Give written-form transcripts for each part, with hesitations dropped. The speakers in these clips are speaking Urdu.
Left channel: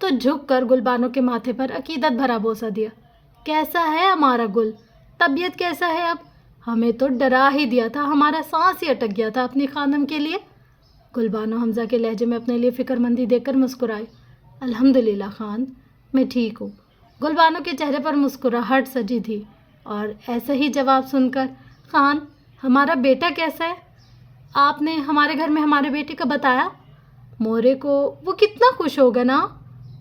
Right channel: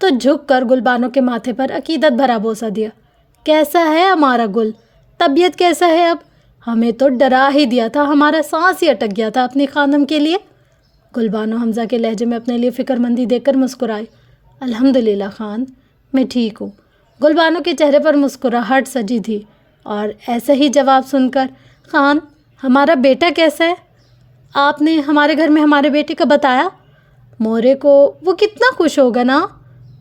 تو جھک کر گل بانو کے ماتھے پر عقیدت بھرا بوسہ دیا۔ کیسا ہے ہمارا گل؟ طبیعت کیسا ہے اب؟ ہمیں تو ڈرا ہی دیا تھا، ہمارا سانس ہی اٹک گیا تھا اپنی خانم کے لیے۔ گل بانو حمزہ کے لہجے میں اپنے لیے فکر مندی دیکھ کر مسکرائی۔ الحمدللہ خان، میں ٹھیک ہوں۔ گل بانو کے چہرے پر مسکراہٹ سجی تھی اور ایسا ہی جواب سن کر، خان ہمارا بیٹا کیسا ہے؟ آپ نے ہمارے گھر میں ہمارے بیٹے کا بتایا؟ مورے کو وہ کتنا خوش ہوگا نا؟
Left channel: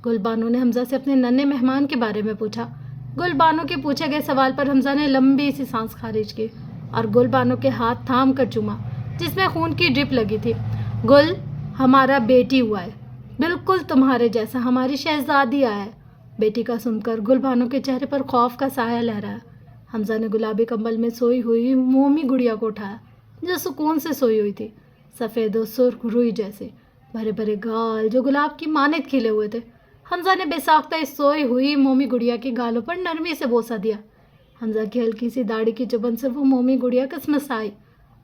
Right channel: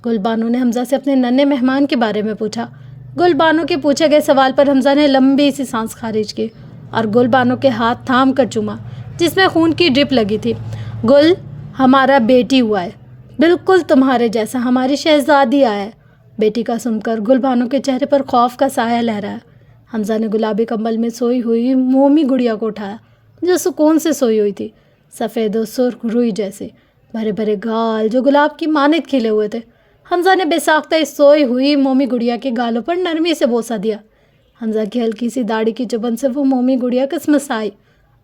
گل بانو نے حمزہ سے اپنے ننھے مہمان کے بارے میں پوچھا۔ گل بانو کے پوچھے گئے سوال پر حمزہ نے لمبی سی سانس خارج کی اور گل بانو کے ہاتھ تھام کر چوما جس میں خون کی ڈرپ لگی تھی۔ گل، ہمارا بیٹی ہوا ہے، بالکل تمہارے جیسا، ہماری شہزادی آیا ہے۔ بیٹی کا سن کر گل بانو کے چہرے پر خوف کا سایہ لہرایا۔ حمزہ نے گلابی کمبل میں سوئی ہوئی مومی گڑیا کو اٹھایا جو سکون سے سوئی ہوئی تھی، سفید و سرخ روئی جیسے، بھرے بھرے گال جو گلاب کی مانند کھلے ہوئے تھے۔ حمزہ نے بے ساختہ اس سوئی ہوئی مومی گڑیا کے گالوں پر نرمی سے بوسہ دیا۔ حمزہ کی ہلکی سی داڑھی کی چبن سے وہ مومی گڑیا کسمسائی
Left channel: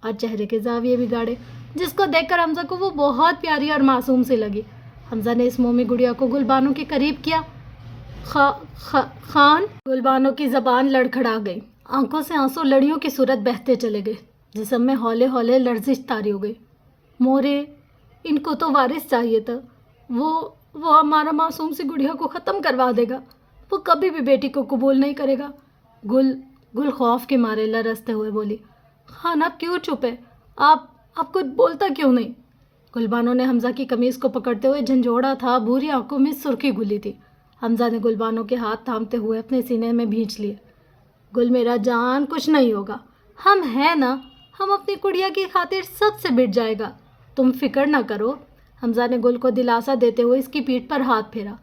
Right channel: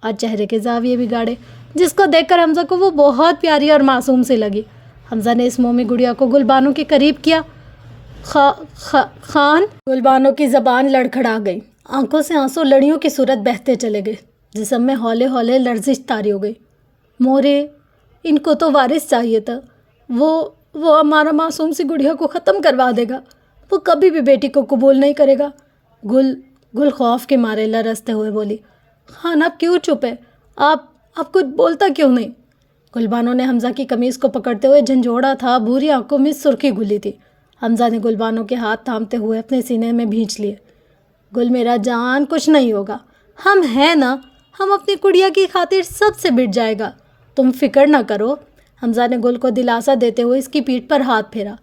اور چہرے کے زاویے بگاڑے، جس کو دیکھ کر حمزہ کو وہ بہت پیاری اور معصوم سی لگی۔ حمزہ نے اس مومی گڑیا کو گل بانو کے قریب کیا۔ خان، گل بانو کی زبان لڑکھڑا گئی، آنکھوں سے آنسو لڑیوں کی صورت بہتے چلے گئے، جسم میں ہولے ہولے لرزش طاری ہو گئی۔ مورے، ان کو تو وارث چاہیے تھا، وہ ہمارا معصوم سی گڑیا کو ختم کروا دے گا، وہ کبھی بھی بیٹی کو قبول نہیں کرے گا۔ گل خوف کے مارے لرزتے ہوئے بولی۔ خان، آپ کیوں چپ ہے؟ آپ کچھ بولتا کیوں نہیں؟ گل بانو نے حمزہ کی قمیض کو پکڑتے ہوئے جھنجھوڑا تھا، بھوری آنکھوں میں سرخی گھلی تھی۔ حمزہ نے گل بانو کے ہاتھ تھامتے ہوئے اپنے سینے میں بھینچ لیے۔ گل میرا جان، کچھ نہیں ہوگا، ہم ہیں نا، ہم اپنی کڑیا کی خاطر سب سے بٹ جائے گا، تم فکر نہ کرو۔ حمزہ نے گل کو دلاسا دیتے ہوئے اس کی پیٹھ پر ہاتھ پھیرا،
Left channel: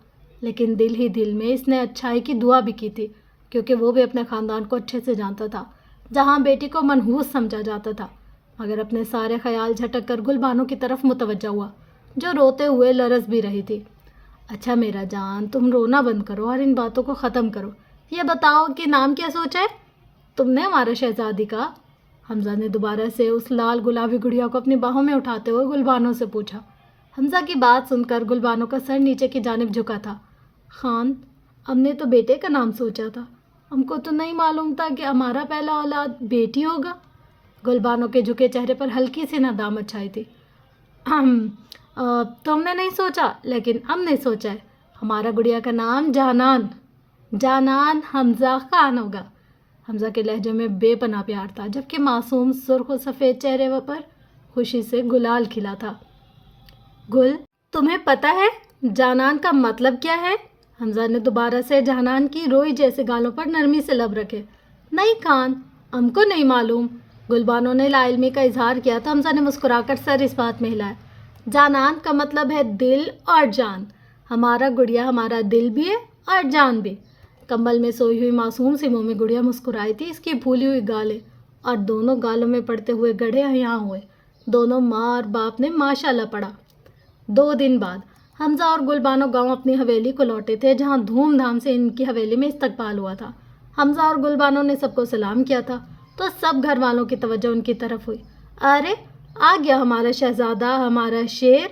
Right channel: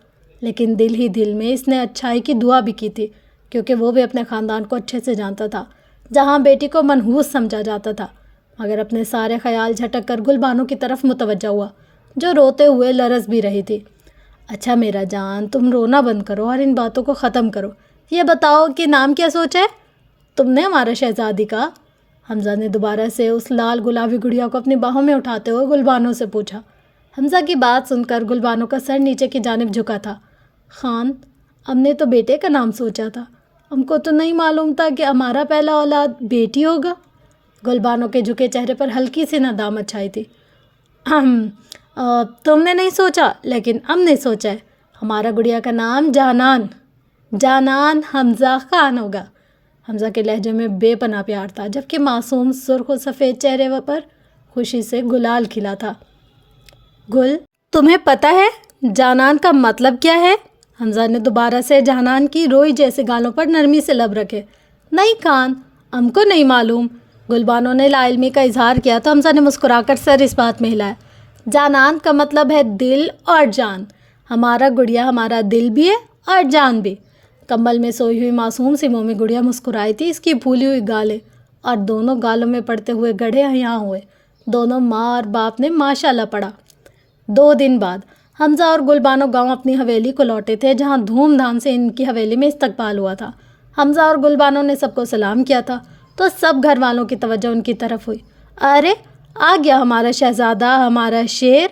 لیکن دل ہی دل میں اس نے اچھائی کی دعا بھی کی تھی، کیونکہ وہ بھی اپنے خاندان کو اچھے سے جانتا تھا، جہاں بیٹی کو منحوس سمجھا جاتا تھا۔ مگر اپنے سارے خیال جھٹک کر گل بانو کی طرف متوجہ ہوا، جو روتے ہوئے لرز بھی رہی تھی۔ اچھا میرا جان، تم رونا بند کرو اور ان باتوں کو ختم کرو۔ یہ بتاؤ کہ نام کیا سوچا ہے تم نے ہمارا شہزادی کا؟ حمزہ نے دوبارہ سے اس لال گلابی گڑیا کو اپنی باہوں میں اٹھاتے ہوئے گل بانو سے پوچھا۔ حمزہ کی بات سن کر گل بانو کا سر نیچے کی جانب جھکا تھا۔ خان، ہم نے تو بیٹے کا نام سوچا تھا، ہم کو تو نہیں معلوم تھا کہ ہمارا پہلا اولاد بیٹی ہوگا۔ گل بانو کے جھکے چہرے پر ہلکی سی ندامت چھائی تھی۔ تم نے نہیں سوچا، لیکن ہم نے سوچا ہے، ہمارا گڑیا کا نام جانان حمزہ خان ہوگا۔ حمزہ کے لہجے میں بے پناہ پیار تھا، جبکہ معصوم سرخ و سفید چہرے پر خوشی سے گلال کھلا تھا۔ گل، تمہیں پتہ ہے جانان کا مطلب کیا ہے؟ حمزہ نے دوبارہ سے جانان کی روئی جیسے گالوں پر نرمی سے لب رکھے۔ نہیں خان، ہم کو نہیں معلوم۔ گل بانو نے لا علمی کا اظہار کیا تو حمزہ نے مسکرا کر سر اس بات میں ہلایا۔ جانان کا مطلب ہے دل اور جان، ہمارا گڑیا ہمارا دل بھی ہے اور جان بھی۔ کمبل میں سوئی ہوئی معصوم سی مومی گڑیا مسکرائی تھی، اس کی پھولی ہوئی گالیں اور دونوں گالوں میں پڑتے ہوئے گڑھے یہاں ہوئے، دونوں ماں اور باپ نے ماشاءاللہ پڑھا۔ 2 دن بعد حمزہ اور گل بانو گاؤں اپنی حویلی کو لوٹے تھے، جہاں دھوم دھام سے ان کی حویلی میں استقبال ہوا تھا۔ حمزہ اور گل بانو نے سب کو سلام کیا تھا تو سب گھر والوں کی توجہ ان کی طرف ہوئی۔ ارے آ گیا ہمارا شہزادہ، ہمارا شیر،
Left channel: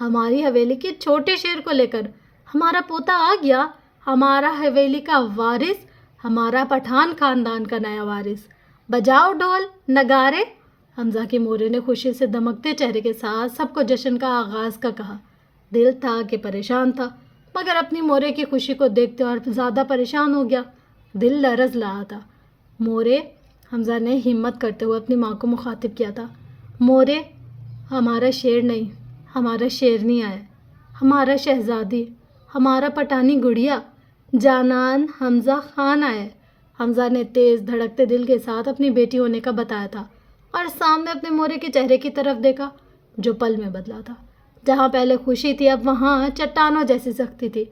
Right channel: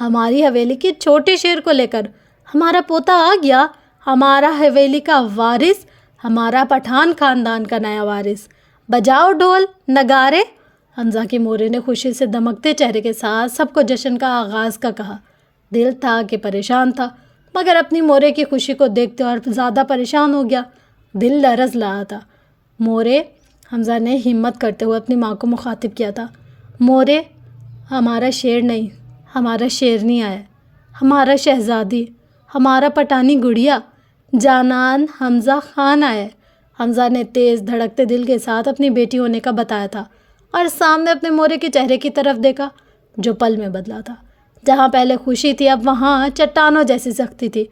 ہماری حویلی کے چھوٹے شیر کو لے کر ہمارا پوتا آ گیا، ہمارا حویلی کا وارث، ہمارا پٹھان خاندان کا نیا وارث۔ بجاؤ ڈھول نگارے۔ حمزہ کے مورے نے خوشی سے دمکتے چہرے کے ساتھ سب کو جشن کا آغاز کا کہا۔ دل تھا کہ پریشان تھا، مگر اپنی مورے کی خوشی کو دیکھتے اور زیادہ پریشان ہو گیا، دل لرز رہا تھا۔ مورے، حمزہ نے ہمت کرتے ہوئے اپنی ماں کو مخاطب کیا تھا، مورے، ہمارا شیر نہیں، ہمارا شیرنی آیا، ہمارا شہزادی، ہمارا پٹانی گڑیا، جانان حمزہ خان آیا۔ حمزہ نے تیز دھڑکتے دل کے ساتھ اپنی بیٹی ہونے کا بتایا تھا اور سامنے اپنے مورے کے چہرے کی طرف دیکھا، جو پل میں بدلا تھا۔ جہاں پہلے خوشی تھی، اب وہاں چٹانوں جیسی سختی تھی۔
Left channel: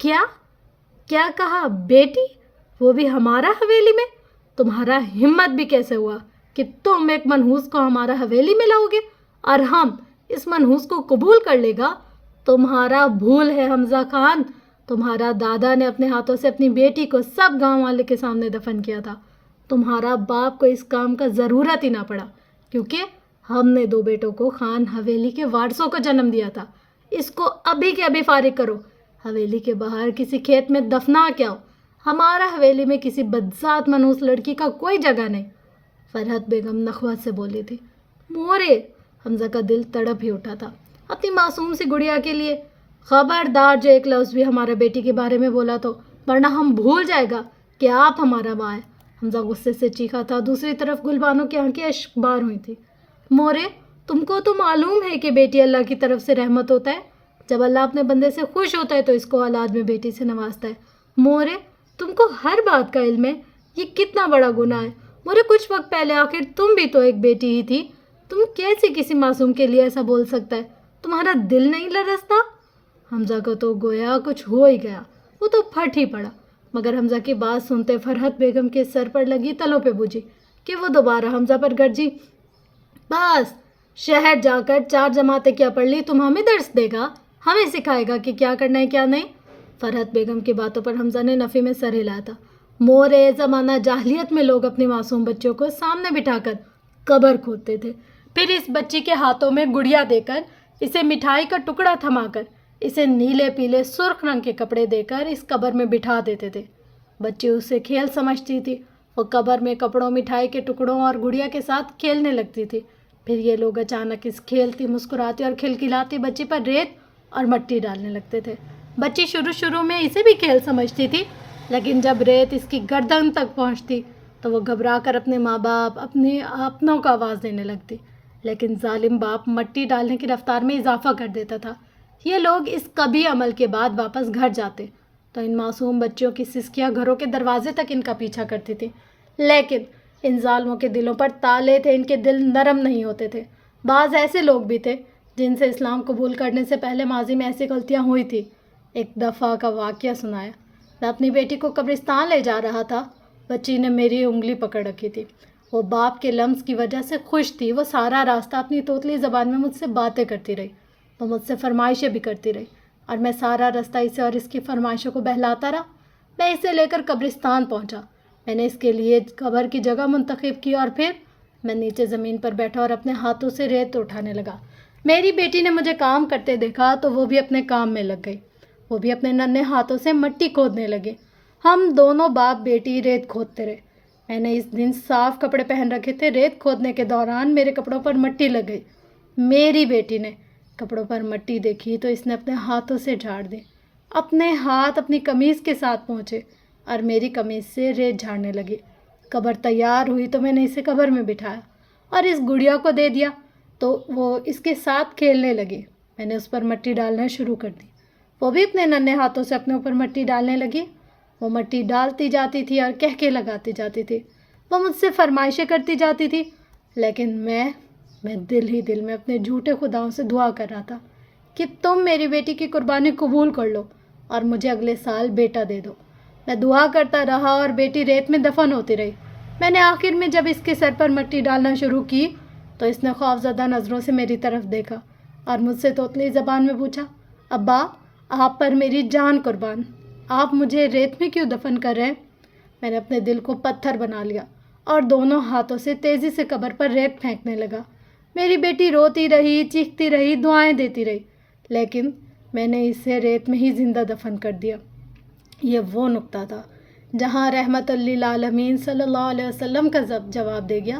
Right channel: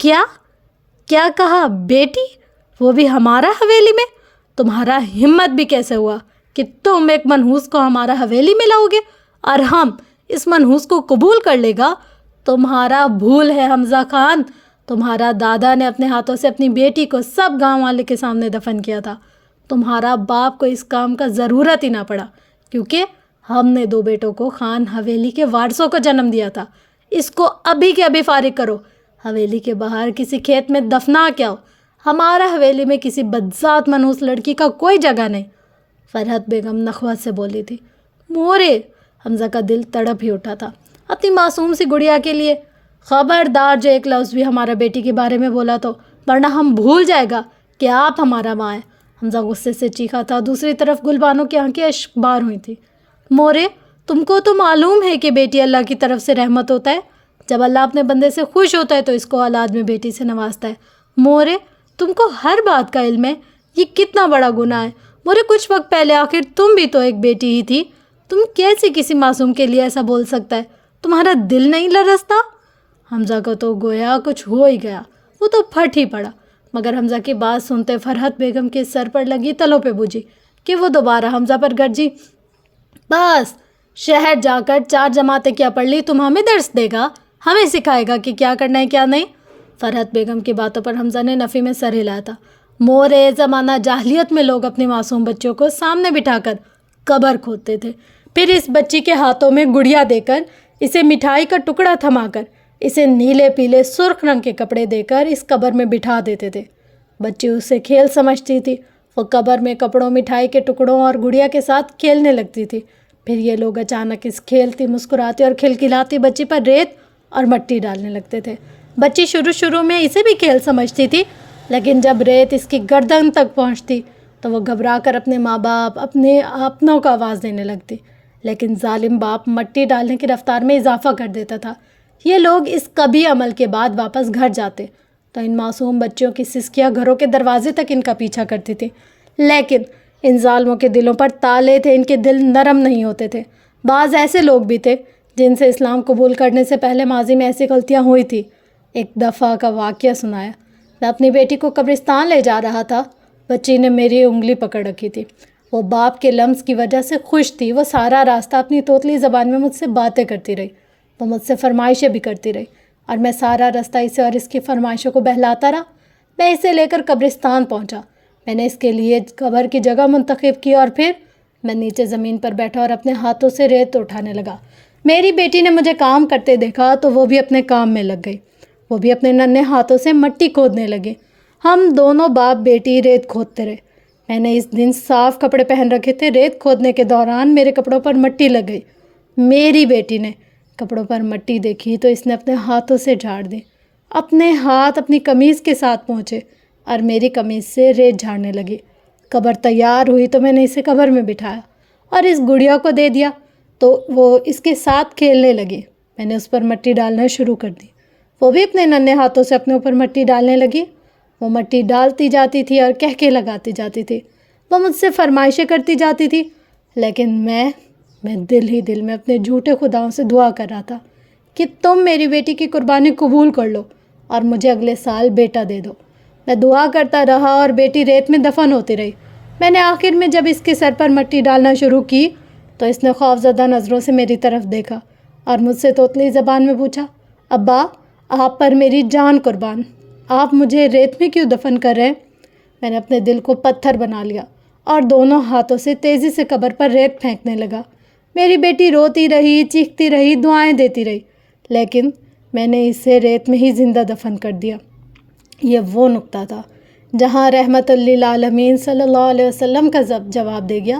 کیا کہا بیٹی؟ وہ بھی ہمارا حویلی میں؟ تمہارا ہمت بھی کیسے ہوا کہ تم ایک منحوس کو ہمارا حویلی میں لاؤ گے اور ہم اس منحوس کو قبول کر لے گا؟ تمہارا بھول ہے حمزہ خان، تمہارا دادا نے اپنے ہاتھوں سے اپنی بیٹی کو سب گاؤں والے کے سامنے دفن کیا تھا۔ تمہارا باپ کو اس کام کا ضرورت ہی نہ پڑا، کیونکہ ہم نے 2 بیٹوں کو خان حویلی کے وارثوں کو جنم دیا تھا۔ اس کو ابھی کے ابھی فارغ کرو۔ حویلی کے باہر کسی کھیت میں دفنا کیا ہو، ہمارا حویلی میں کسی بدذات منحوس لڑکی کا کوئی جگہ نہیں، فرحت بیگم نخوت سے بولی تھی۔ مورے، حمزہ کا دل تڑپ ہی اٹھا تھا اپنی معصوم سی گڑیا کے لیے۔ خبردار جو ایک لفظ بھی ہمارے بیٹی کے بارے میں بولا تو ورنہ ہم بھول جائے گا کہ آپ ہمارا ماں ہے، حمزہ غصے سے چیخا تھا۔ دوسری طرف گلبانو کی آنکھیں اشک بار ہوئی تھیں۔ مورے، تم کو تو معلوم ہے کہ بیٹی اللہ کی طرف سے رحمت ہوتا ہے، جب اللہ اپنے بندے سے خوش ہوتا ہے تو اس کو اولاد میں بیٹی سے نوازتا ہے۔ مورے، تم کو ہر بات کا علم ہے، یہ کتنا بڑا گناہ ہے۔ مورے، کچھ وقت پہلے آخر تم بھی تو ایک بیٹی ہی تھی، تم کیسے کسی معصوم کے لیے ایسا بول سکتا ہے؟ تمہارا دل نہیں لرزتا؟ حمزہ کو تو گویا کچھ ہو ہی گیا، وہ تو پھٹ ہی پڑا، مگر حمزہ کی بات سنتے فرحت بیگم کے سر پر لگی تلوں پہ بجھی کہ وہ دوبارہ حمزہ پر گرجی۔ بس، شہر جا کر 4 جماعتیں کیا پڑھ لی، تم ہمیں درس دے گا، ہمیں سکھائے گا کہ کیا کرنا ہے کیا نہیں؟ فرحت بیگم کی باتوں پر حمزہ نے نفی میں سر ہلایا تھا۔ مورے، زمانہ جاہلیت میں لوگ اپنی معصوم بچوں کو سامنے بٹھا کر قبر کھودتے تھے، پھر اس بچی کے ہاتھوں میں گڑیا دے کر، اسے مٹھائی کا ٹکڑا تھما کر، اسے نیلے پیلے سرخ رنگ کے کپڑے دے کر اس قبر میں بٹھا دیتے تھے۔ بچی اسے کھیل سمجھتی تھی، وہ قبر میں کپڑوں، مٹھائی کے ٹکڑوں اور گڑیا کے ساتھ کھیلنے لگتی تھی۔ پھر یہ لوگ اچانک اس کھیلتی، مسکراتی اور کھلکھلاتی بچی پر ریت اور مٹی ڈالنے لگتے تھے۔ بچی شروع میں اسے بھی کھیل سمجھتی تھی، لیکن جب ریت اس کی گردن تک پہنچتی تو وہ گھبرا کر اپنے ماں باپ، اپنے اپنوں کو آواز دینے لگتی، لیکن ظالم باپ مٹی ڈالنے کی رفتار میں اضافہ کر دیتا تھا۔ یہ لوگ اس قبیح عمل کے بعد واپس گھر جاتے تو ان معصوم بچوں کی سسکیاں گھروں کے دروازے تک ان کا پیچھا کرتی تھی، لیکن ان ظالموں کے دلوں پر تالے تھے، ان کے دل نرم نہیں ہوتے تھے۔ بعض ایسے لوگ بھی تھے جن سے اسلام قبول کرنے سے پہلے ماضی میں ایسی غلطیاں ہوئی تھی۔ ایک دفعہ کا واقعہ سنایا، میں اپنی بیٹی کو قبرستان لے جا رہا تھا، بچی نے میری انگلی پکڑ رکھی تھی، وہ باپ کے لمس کی وجہ سے خوش تھی، وہ سارا راستہ اپنی توتلی زبان میں مجھ سے باتیں کرتی رہی، وہ مجھ سے فرمائشیں بھی کرتی رہی، اور میں سارا راستہ اسے اور اس کی فرمائشوں کو بہلاتا رہا۔ میں اسے لے کر قبرستان پہنچا، میں نے اس کے لیے قبر کی جگہ منتخب کی اور پھر میں نیچے زمین پر بیٹھا اور اپنے ہاتھوں سے ریت اٹھانے لگا۔ میری بیٹی نے مجھے کام کرتے دیکھا تو وہ بھی اپنے کام میں لگ گئی، وہ بھی اپنے ننھے ہاتھوں سے مٹی کھودنے لگے۔ ہم دونوں باپ بیٹی ریت کھودتے رہے۔ میں نے اس دن صاف کپڑے پہن رکھے تھے، ریت کھودنے کے دوران میرے کپڑوں پر مٹی لگ گئی۔ میری بیٹی نے کپڑوں پر مٹی دیکھی تو اس نے اپنے ہاتھوں سے جھاڑ دی، اپنے ہاتھ اپنی قمیض کے ساتھ پہنچے اور میری قمیض سے ریت جھاڑنے لگی۔ قبر تیار ہوئی تو میں نے اسے قبر میں بٹھایا اور اس گڑیا کو دے دیا تو وہ اس کے ساتھ کھیلنے لگی۔ میں نے اس پر مٹی ڈالنا شروع کر دی، وہ بھی اپنے ننھے ہاتھوں سے اپنے اوپر مٹی ڈالنے لگی۔ وہ مٹی ڈالتی جاتی تھی اور کہکے لگاتی جاتی تھی، وہ مجھ سے فرمائشیں کرتی جاتی تھی، لیکن میں دل ہی دل میں اپنے جھوٹے خداؤں سے دعا کر رہا تھا کہ تم میری بیٹی کی قربانی قبول کر لو اور مجھے اگلے سال بیٹا دے دو۔ میں دعا کرتا رہا اور بیٹی ریت میں دفن ہوتی رہی۔ میں نے آخر میں جب اس کے سر پر مٹی ڈالنا شروع کی تو اس نے خوفزدہ نظروں سے میری طرف دیکھا اور مجھ سے توتلی زبان میں پوچھا، ابا، آپ پر میری جان قربان، آپ مجھے ریت میں کیوں دفن کر رہے ہیں؟ میں نے اپنے دل کو پتھر بنا لیا اور دونوں ہاتھوں سے تیزی سے قبر پر ریت پھینکنے لگا۔ میری بیٹی روتی رہی، چیختی رہی، دعائیں دیتی رہی، لیکن میں نے اسے ریت میں ہی زندہ دفن کر دیا۔ یہ وہ نقطہ تھا جہاں رحمت للعالمین صلی اللہ علیہ وسلم کا جواب دے گیا۔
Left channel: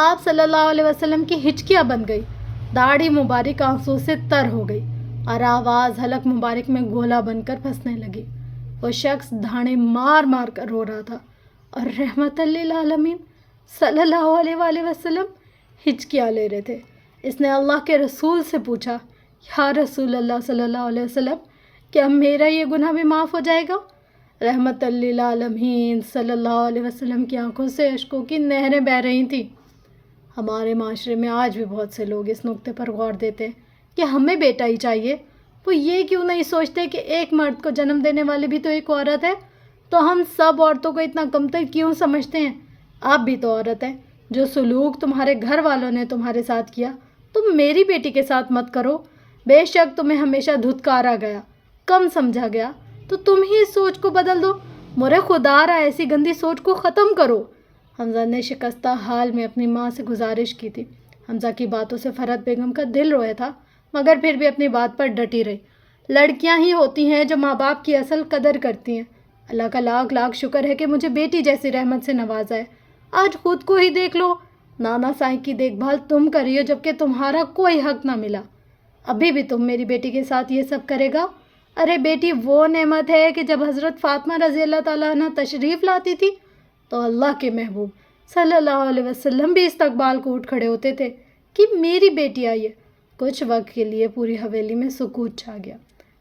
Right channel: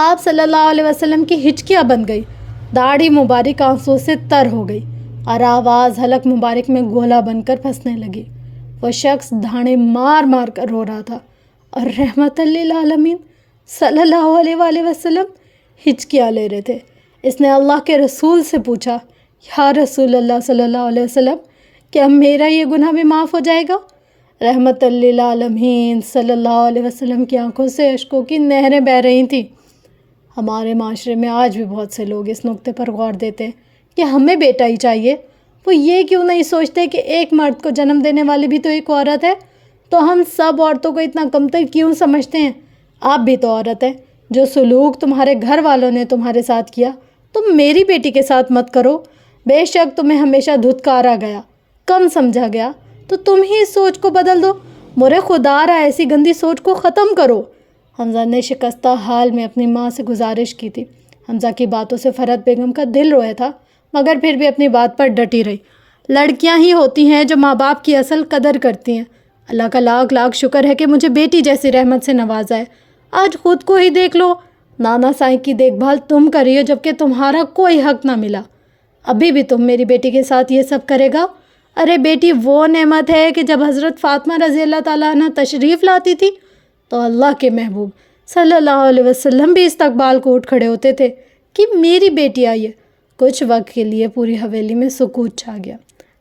آپ صلی اللہ علیہ وسلم کی ہچکیاں بن گئی، داڑھی مبارک آنسوں سے تر ہو گئی اور آواز حلق مبارک میں گولا بن کر پھنسنے لگی۔ وہ شخص دھاڑے مار مار کر رو رہا تھا اور رحمت للعالمین صلی اللہ علیہ وآلہ وسلم ہچکیاں لے رہے تھے۔ اس نے اللہ کے رسول سے پوچھا، یا رسول اللہ صلی اللہ علیہ وسلم، کیا میرا یہ گناہ بھی معاف ہو جائے گا؟ رحمت للعالمین صلی اللہ علیہ وسلم کی آنکھوں سے اشکوں کی نہریں بہہ رہی تھیں۔ ہمارے معاشرے میں آج بھی بہت سے لوگ اس نقطے پر غور دیتے ہیں کہ ہمیں بیٹا ہی چاہیے، وہ یہ کیوں نہیں سوچتے کہ ایک مرد کو جنم دینے والی بھی تو ایک عورت ہے، تو ہم سب عورتوں کو اتنا کمتر کیوں سمجھتے ہیں؟ آپ بھی تو عورت ہے، جو سلوک تمہارے گھر والوں نے تمہارے ساتھ کیا تم میری بیٹی کے ساتھ مت کرو۔ بے شک تمہیں ہمیشہ دھتکارا گیا، کم سمجھا گیا، تو تم ہی اس سوچ کو بدل دو۔ مرے خدا را، ایسی گندی سوچ کو ختم کرو۔ حمزہ نے شکستہ حال میں اپنی ماں سے گزارش کی تھی۔ حمزہ کی باتوں سے فرحت بیگم کا دل رویا تھا، مگر پھر بھی اپنی بات پر ڈٹی رہی۔ لڑکیاں ہی ہوتی ہیں جو ماں باپ کی اصل قدر کرتی ہیں۔ اللہ کا لاکھ لاکھ شکر ہے کہ مجھے بیٹی جیسی رحمت سے نوازا ہے۔ آج خود کو ہی دیکھ لو، نانا سائیں کی دیکھ بھال تم کر رہی ہو جبکہ تمہارا کوئی حق نہ ملا۔ ابھی بھی تم میری بیٹی کے ساتھ یہ سب کرے گا؟ ارے بیٹی وہ نعمت ہے کہ جب حضرت فاطمہ رضی اللہ تعالیٰ عنہ تشریف لاتی تھی تو اللہ کے محبوب صلی اللہ علیہ وسلم بھی استقبال کو اٹھ کھڑے ہوتے تھے کہ میری بیٹی آئی ہے۔ کچھ وقت کے لیے پوری حویلی میں سکوت چھا گیا،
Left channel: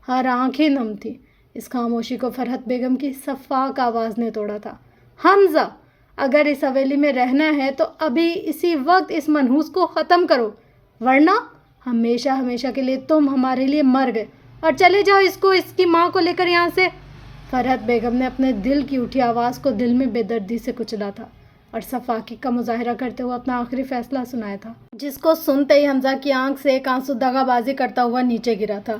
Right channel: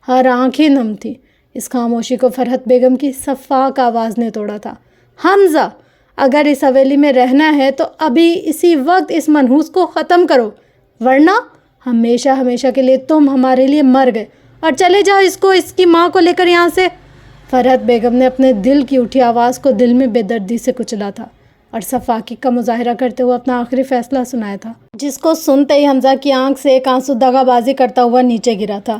ہر آنکھیں نم تھیں۔ اس خاموشی کو فرحت بیگم کی صفاق آواز نے توڑا تھا۔ حمزہ، اگر اس حویلی میں رہنا ہے تو ابھی اسی وقت اس منحوس کو ختم کرو، ورنہ ہمیشہ ہمیشہ کے لیے تم ہمارے لیے مر گئے، اور چلے جاؤ اس کی ماں کو لے کر یہاں سے۔ فرحت بیگم نے اپنے دل کی اٹھی آواز کو دل میں بے دردی سے کچلا تھا اور صفاقی کا مظاہرہ کرتے ہوئے اپنا آخری فیصلہ سنایا تھا، جس کو سنتے ہی حمزہ کی آنکھ سے ایک آنسو دغا بازی کرتا ہوا نیچے گرا تھا۔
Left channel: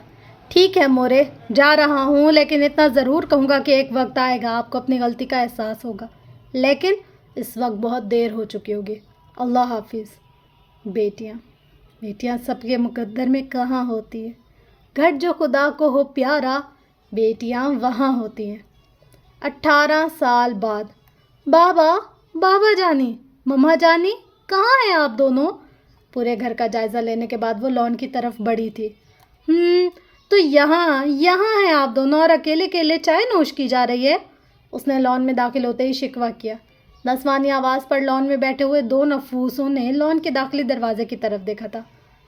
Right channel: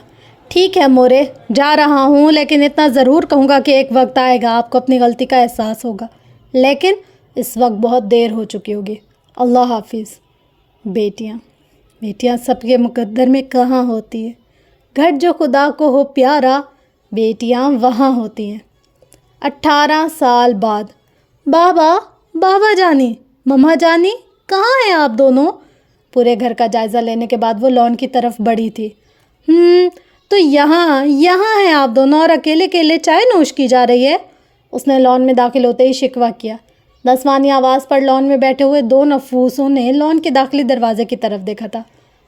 ٹھیک ہے مورے، جا رہا ہوں، لیکن اتنا ضرور کہوں گا کہ ایک وقت آئے گا آپ کو اپنی غلطی کا احساس ہوگا، لیکن اس وقت بہت دیر ہو چکی ہوگی۔ اللہ حافظ۔ بیٹیاں سب کے مقدر میں کہاں ہوتی ہیں؟ گھر جو خدا کو ہو پیارا، بیٹیاں وہاں ہوتی ہیں۔ 18 سال بعد۔ بابا جانی، مما جانی، کہاں ہیں آپ دونوں؟ پورے گھر کا جائزہ لینے کے بعد وہ لان کی طرف بڑھی تھی۔ تو یہاں ہیں آپ دونوں، اور اکیلے چائے نوش کی جا رہی ہے؟ اس نے لان میں داخل ہوتے ہی شکوہ کیا۔ نسوانی آواز پر لان میں بیٹھے ہوئے 2 نفوسوں نے لان کے داخلی دروازے کی طرف دیکھا تھا۔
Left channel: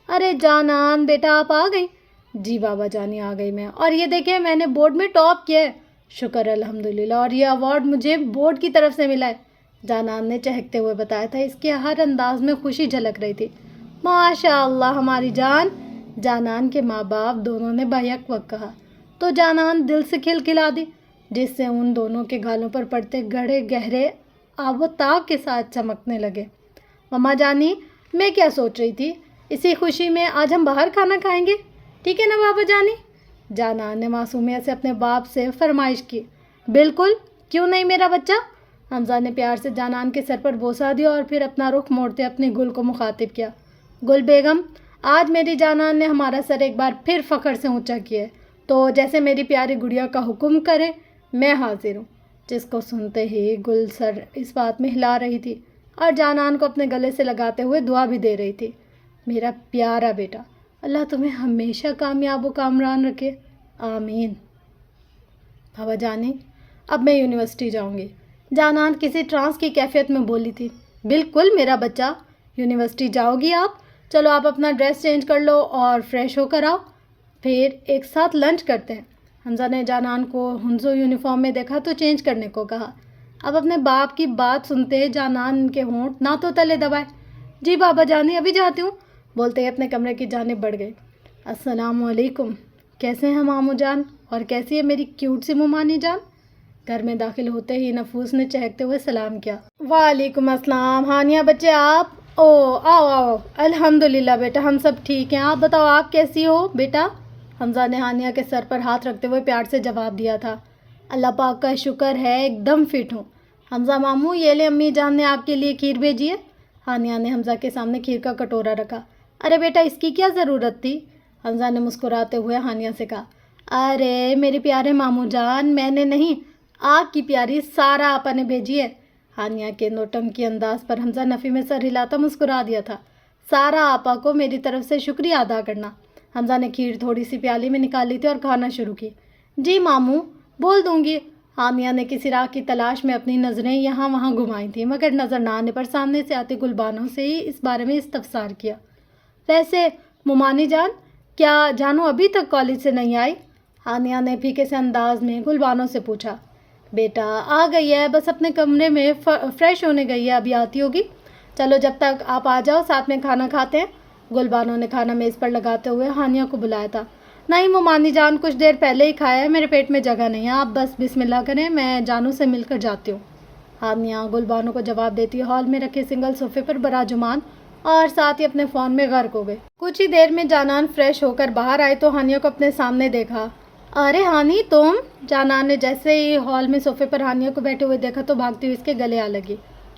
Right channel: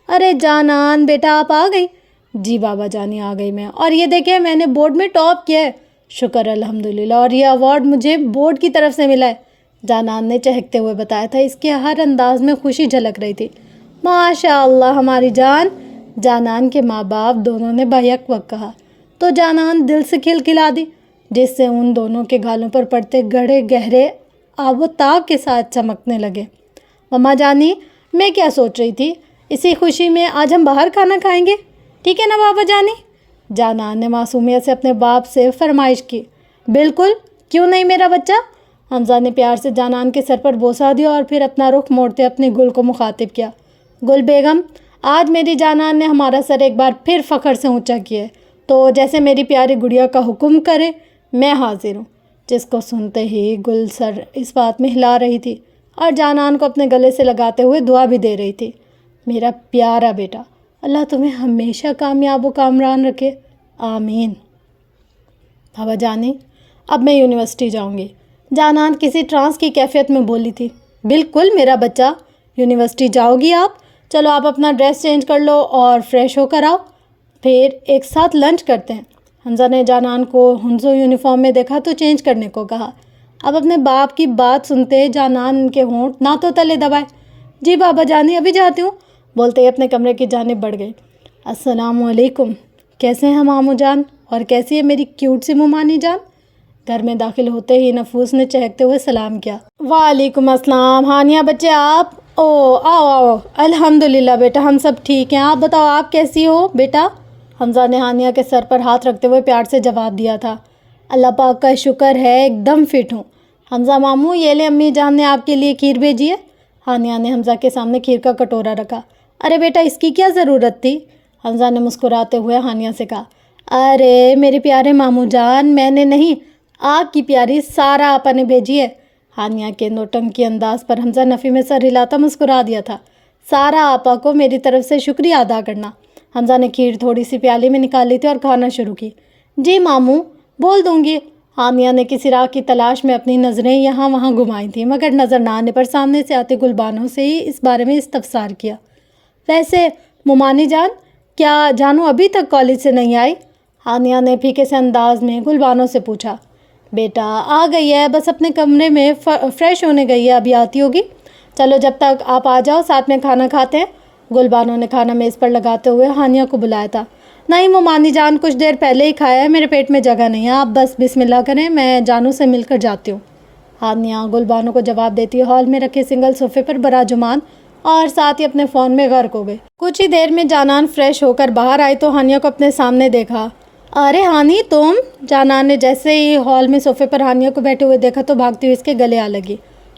ارے جانان بیٹا، آپ آ گئی؟ جی بابا جانی، آ گئی میں، اور یہ دیکھیں میں نے بورڈ میں ٹاپ کیا ہے۔ شکر الحمدللہ، اور یہ ایوارڈ مجھے بورڈ کی طرف سے ملا ہے، جانان نے چہکتے ہوئے بتایا تھا۔ اس کے ہر انداز میں خوشی جھلک رہی تھی۔ ماشاء اللہ ہماری جان، جانان کے ماں باپ دونوں نے بیک وقت کہا تو جانان دل سے کھلکھلا دی، جس سے ان دونوں کے گالوں پر پڑتے گڑھے گہرے آب و تاب کے ساتھ چمکنے لگے۔ مما جانی، میں کیا سوچ رہی تھی، اسی خوشی میں آج ہم باہر کھانا کھائیں گے، ٹھیک ہے نا بابا جانی؟ جانان نے معصومیت سے اپنے باپ سے فرمائش کی۔ بالکل، کیوں نہیں میرا بچہ؟ حمزہ نے پیار سے جانان کے سر پر بوسہ دیا اور پھر اپنا رخ موڑتے اپنی گل کو مخاطب کیا۔ گل بیگم، آج میری جانان نے ہمارا سر ایک بار پھر فخر سے اونچا کیا ہے، تو جیسے میری پیاری گڑیا کا حکم کرے میں حاضر ہوں۔ جس کو سنتے ہی گل سر اس بات میں ہلا رہی تھی اور جانان کو اپنے گلے سے لگاتے ہوئے دعا بھی دے رہی تھی۔ میرا پیارا بیٹا، اللہ تمہیں ہمیشہ کامیاب و کامران رکھے، آمین۔ بابا جانی، اب میں یونیورسٹی جاؤں گی، جانان کسی ٹرانس کی کیفیت میں بولی تھی۔ بالکل میرا بچہ، یونیورسٹی جاؤ گی آپ؟ چلو آپ اپنا ڈریس چینج کر لو اور فریش ہو کر آؤ، پھر ایک ساتھ لنچ کرتے ہیں۔ حمزہ نے جانان کو ہنزو یونیفارم میں دیکھا تو چینج کرنے کو کہا۔ اب اپنے باپ کی بات سنتے جانان کے ہونٹ نہ تو تلے دبائے۔ جی بابا جانی، ابھی جاتی ہوں، بولتے ہی اپنے کمرے کی جانب بڑھ گئے۔ السلام علیکم، کیسے ہیں مامو جان، اور کیسی ہے میری کیوٹ سی ممانی جان؟ گھر میں داخل ہوتے ہی نفوس نے چہکتے ہوئے سلام کیا۔ وعلیکم السلام، ہانیہ بچے آپ؟ آؤ، الحمدللہ بیٹا ہم سب ٹھیک ہیں، آپ بتاؤ آپ کیسی ہو بیٹا؟ حمزہ نے ہانیہ کے سر پر ہاتھ رکھتے ہوئے پیار سے جواب دیا تھا۔ اللہ پاک کا شکر ہے ایک دم فٹ ہوں۔ حمزہ ماموں، یہ لے امی جان نے آپ کے لیے کھیر بھیجی ہے۔ ہانیہ نے حمزہ کے سامنے کھیر کا کٹورا رکھا۔ ارے بیٹا اس کی کیا ضرورت تھی؟ حمزہ نے مسکراتے ہوئے ہانیہ سے کہا۔ ارے میرے پیارے ماموں جان، میں نے نہیں، آپ کی پیاری سارا آپا نے بھیجی ہے۔ ہانیہ کے نوٹنکی انداز پر حمزہ نفی میں سر ہلاتا مسکرا دیا تھا۔ سارا آپا کو میری طرف سے شکریہ ادا کرنا۔ حمزہ نے کھیر تھوڑی سی پیالی میں نکال لی تھی اور کھانا شروع کی۔ جی ماموں، بول دوں گی۔ ہانیہ نے کسی راہ کی تلاش میں اپنی نظریں یہاں وہاں گھمائی تھیں، مگر نظر نہ آنے پر سامنے سے آتے گلبانوں سے ہی اس بارے میں استفسار کیا۔ ویسے ممانی جان، کیا جانو ابھی تک کالج سے نہیں آئی؟ ہانیہ نے پھیکے سے انداز میں گلبانوں سے پوچھا۔ بیٹا آ گئی ہے، بس اپنے کمرے میں فریش ہونے گئی ہے، ابھی آتی ہوگی۔ چلو جب تک آپ آ جاؤ ساتھ میں کھانا کھاتے ہیں۔ گلبانوں نے کھانا میز پر لگاتے ہوئے ہانیہ کو بلایا تھا۔ نہیں ممانی جان، کچھ دیر پہلے ہی کھایا ہے، میرے پیٹ میں جگہ نہیں ہے، آپ بس بسم اللہ کریں، میں جانو سے مل کر جاتی ہوں۔ ہانیہ گلبانوں کو جواب دیتی ہال میں رکھے سنگل صوفے پر براجمان اور ساتھ ہی اپنے فون میں غرق ہو گئی۔ کچھ ہی دیر میں جانان فریش ہو کر باہر آئی تو ہانیہ کو اپنے سامنے دیکھا۔ ارے ہانی تم؟ جانان نے جیسے ہی ہال میں صوفے پر ہانیہ کو بیٹھے ہوئے دیکھا تو بھاگتی ہوئی اس کے گلے آ لگی۔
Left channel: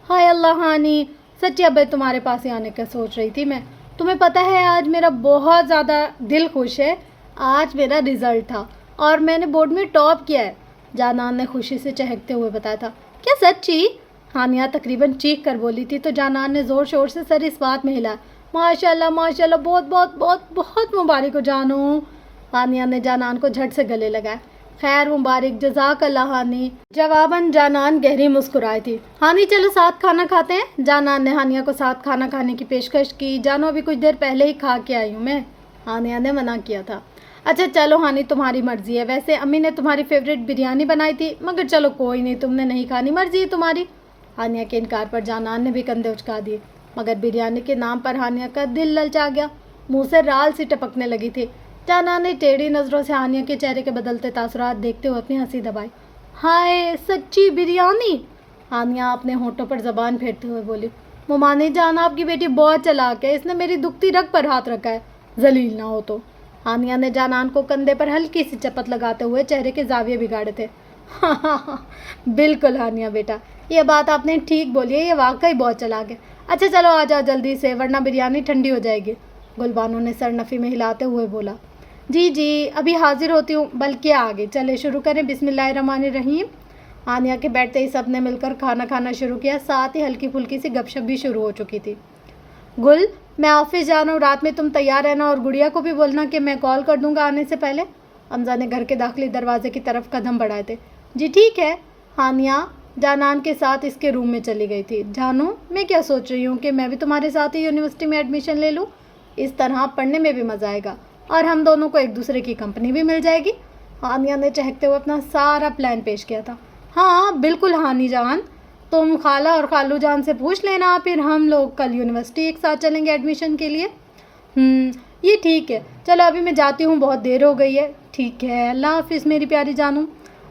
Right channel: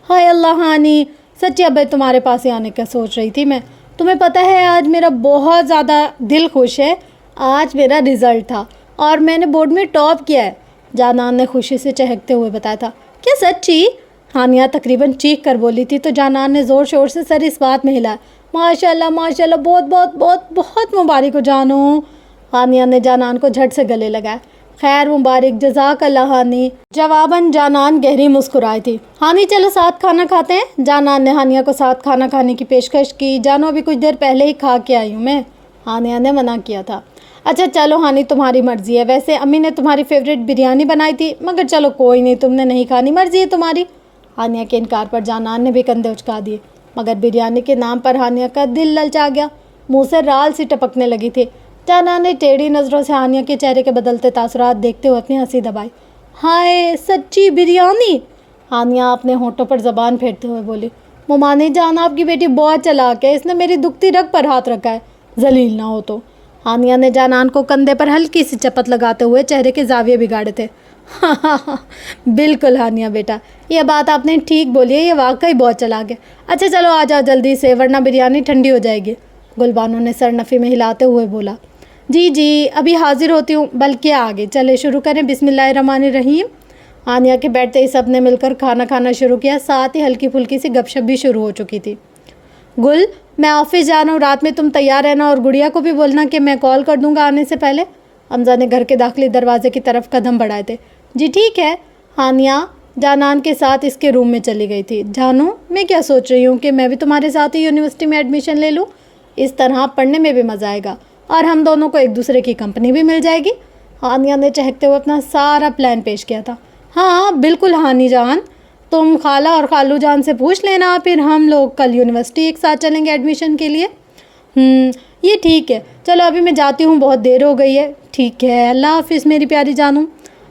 ہائے اللہ ہانی، سچی ابے تمہارے پاس ہی آنے کا سوچ رہی تھی میں، تمہیں پتہ ہے آج میرا بہت زیادہ دل خوش ہے، آج میرا رزلٹ تھا اور میں نے بورڈ میں ٹاپ کیا ہے، جانان نے خوشی سے چہکتے ہوئے بتایا تھا۔ کیا سچی؟ ہانیہ تقریباً چیخ کر بولی تھی تو جانان نے زور شور سے سر اس بات میں ہلایا۔ ماشاء اللہ ماشاء اللہ، بہت بہت بہت بہت مبارک ہو جانو۔ ہانیہ نے جانان کو جھٹ سے گلے لگایا۔ خیر مبارک، جزاک اللہ ہانی۔ جواباً جانان گہری مسکرائی تھی۔ ہانی چلو ساتھ کھانا کھاتے ہیں۔ جانان نے ہانیہ کو ساتھ کھانا کھانے کی پیشکش کی۔ جانو ابھی کچھ دیر پہلے ہی کھا کے آئی ہوں میں، ہانیہ نے منع کیا تھا۔ اچھا چلو ہانی، تمہاری مرضی ہے، ویسے امی نے تمہاری فیوریٹ بریانی بنائی تھی، مگر چلو کوئی نہیں، تم نے نہیں کھانی، مرضی ہے تمہاری۔ ہانیہ کے انکار پر جانان نے بھی کندھے اچکا دیے، مگر بریانی کے نام پر ہانیہ کا دل للچا گیا، منہ سے رال سی ٹپکنے لگی تھی۔ جانان نے ٹیڑھی نظروں سے ہانیہ کے چہرے کے بدلتے تاثرات دیکھتے ہوئے اپنی ہنسی دبائی۔ ہائے سچی بریانی؟ ہانیہ اپنے ہونٹوں پر زبان پھیرتے ہوئے بولی۔ ممانی جان، آپ کی بیٹی بہت چلاک ہے، اس نے میری دکھتی رگ پر ہاتھ رکھا ہے، ذلیل نہ ہو تو۔ ہانیہ نے جانان کو کندھے پر ہلکی سی چپت لگاتے ہوئے چہرے کے زاویے بگاڑے تھے۔ بالکل ہانیہ بیٹا، یہ بات آپ نے ٹھیک بولی ہے، یہ واقعی بہت چلاک ہے۔ اچھا چلو آ جاؤ جلدی سے، ورنہ بریانی ٹھنڈی ہو جائے گی، گل بانو نے سر نفی میں ہلاتے ہوئے بولا۔ جی جی ابھی حاضر ہوتی ہوں، بلکہ آگے چلے شروع کریں، بسم اللہ الرحمن الرحیم۔ ہانیہ کے بیٹھتے ہی سب نے مل کر کھانا کھانا شروع کیا، ساتھ ہی ہلکی پھلکی سی گپ شپ بھی شروع ہو چکی تھی۔ گل، میں آفس جانا ہوں، رات میں تم تیار رہنا، اور گڑیا کو بھی بولنا کہ میں کال کر دوں گا آنے سے پہلے۔ حمزہ نے گھر کے داخلی دروازے کی طرف قدم بڑھائے تھے۔ جی ٹھیک ہے۔ ہانیہ جانان کے ساتھ اس کے روم میں چلی گئی تھی۔ جانو، میں کیا سوچ رہی ہوں کہ میں بھی تمہارے ساتھ ہی یونیورسٹی میں ایڈمیشن لے لوں، اس طرح پڑھنے میں بھی مزہ آئے گا اور ہم دونوں کو ایک دوسرے کی کمپنی بھی مل جائے گی۔ ہانیہ نے چہکتے ہوئے اپنا سارا پلان پیش کیا تھا۔ ہاں بالکل ہانی جان، تم خالہ اور خالو جان سے پوچھ لینا، پھر ہم لوگ کل یونیورسٹی ایک ساتھ چلیں گے ایڈمیشن کے لیے۔ یہ ٹھیک ہے، چلو ابھی میں جاتی ہوں، بہت دیر ہو گئی ہے۔ ٹھیک ہے، اللہ حافظ میری پیاری جانو۔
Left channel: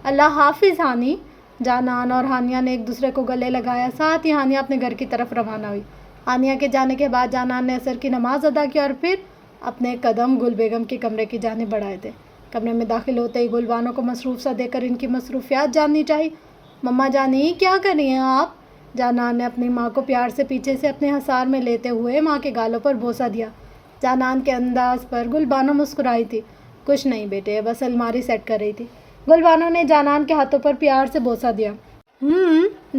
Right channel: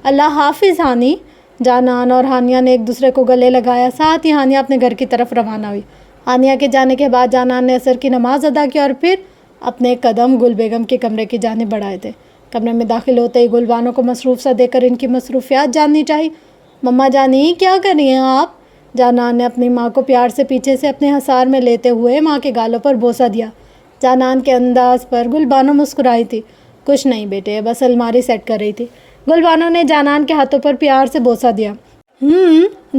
اللہ حافظ ہانی۔ جانان اور ہانیہ نے ایک دوسرے کو گلے لگایا، ساتھ ہی ہانیہ اپنے گھر کی طرف روانہ ہوئی۔ ہانیہ کے جانے کے بعد جانان نے عصر کی نماز ادا کی اور پھر اپنے قدم گل بیگم کے کمرے کی جانب بڑھائے تھے۔ کمرے میں داخل ہوتے ہی گل بانو کو مصروف سا دیکھ کر ان کی مصروفیات جاننی چاہی۔ مما جانی کیا کر رہی ہیں آپ؟ جانان نے اپنی ماں کو پیار سے پیچھے سے اپنے حصار میں لیتے ہوئے ماں کے گالوں پر بوسہ دیا۔ جانان کے انداز پر گل بانو مسکرائی تھی۔ کچھ نہیں بیٹے، بس الماری سیٹ کر رہی تھی۔ گل بانو نے جانان کے ہاتھوں پر پیار سے بوسہ دیا۔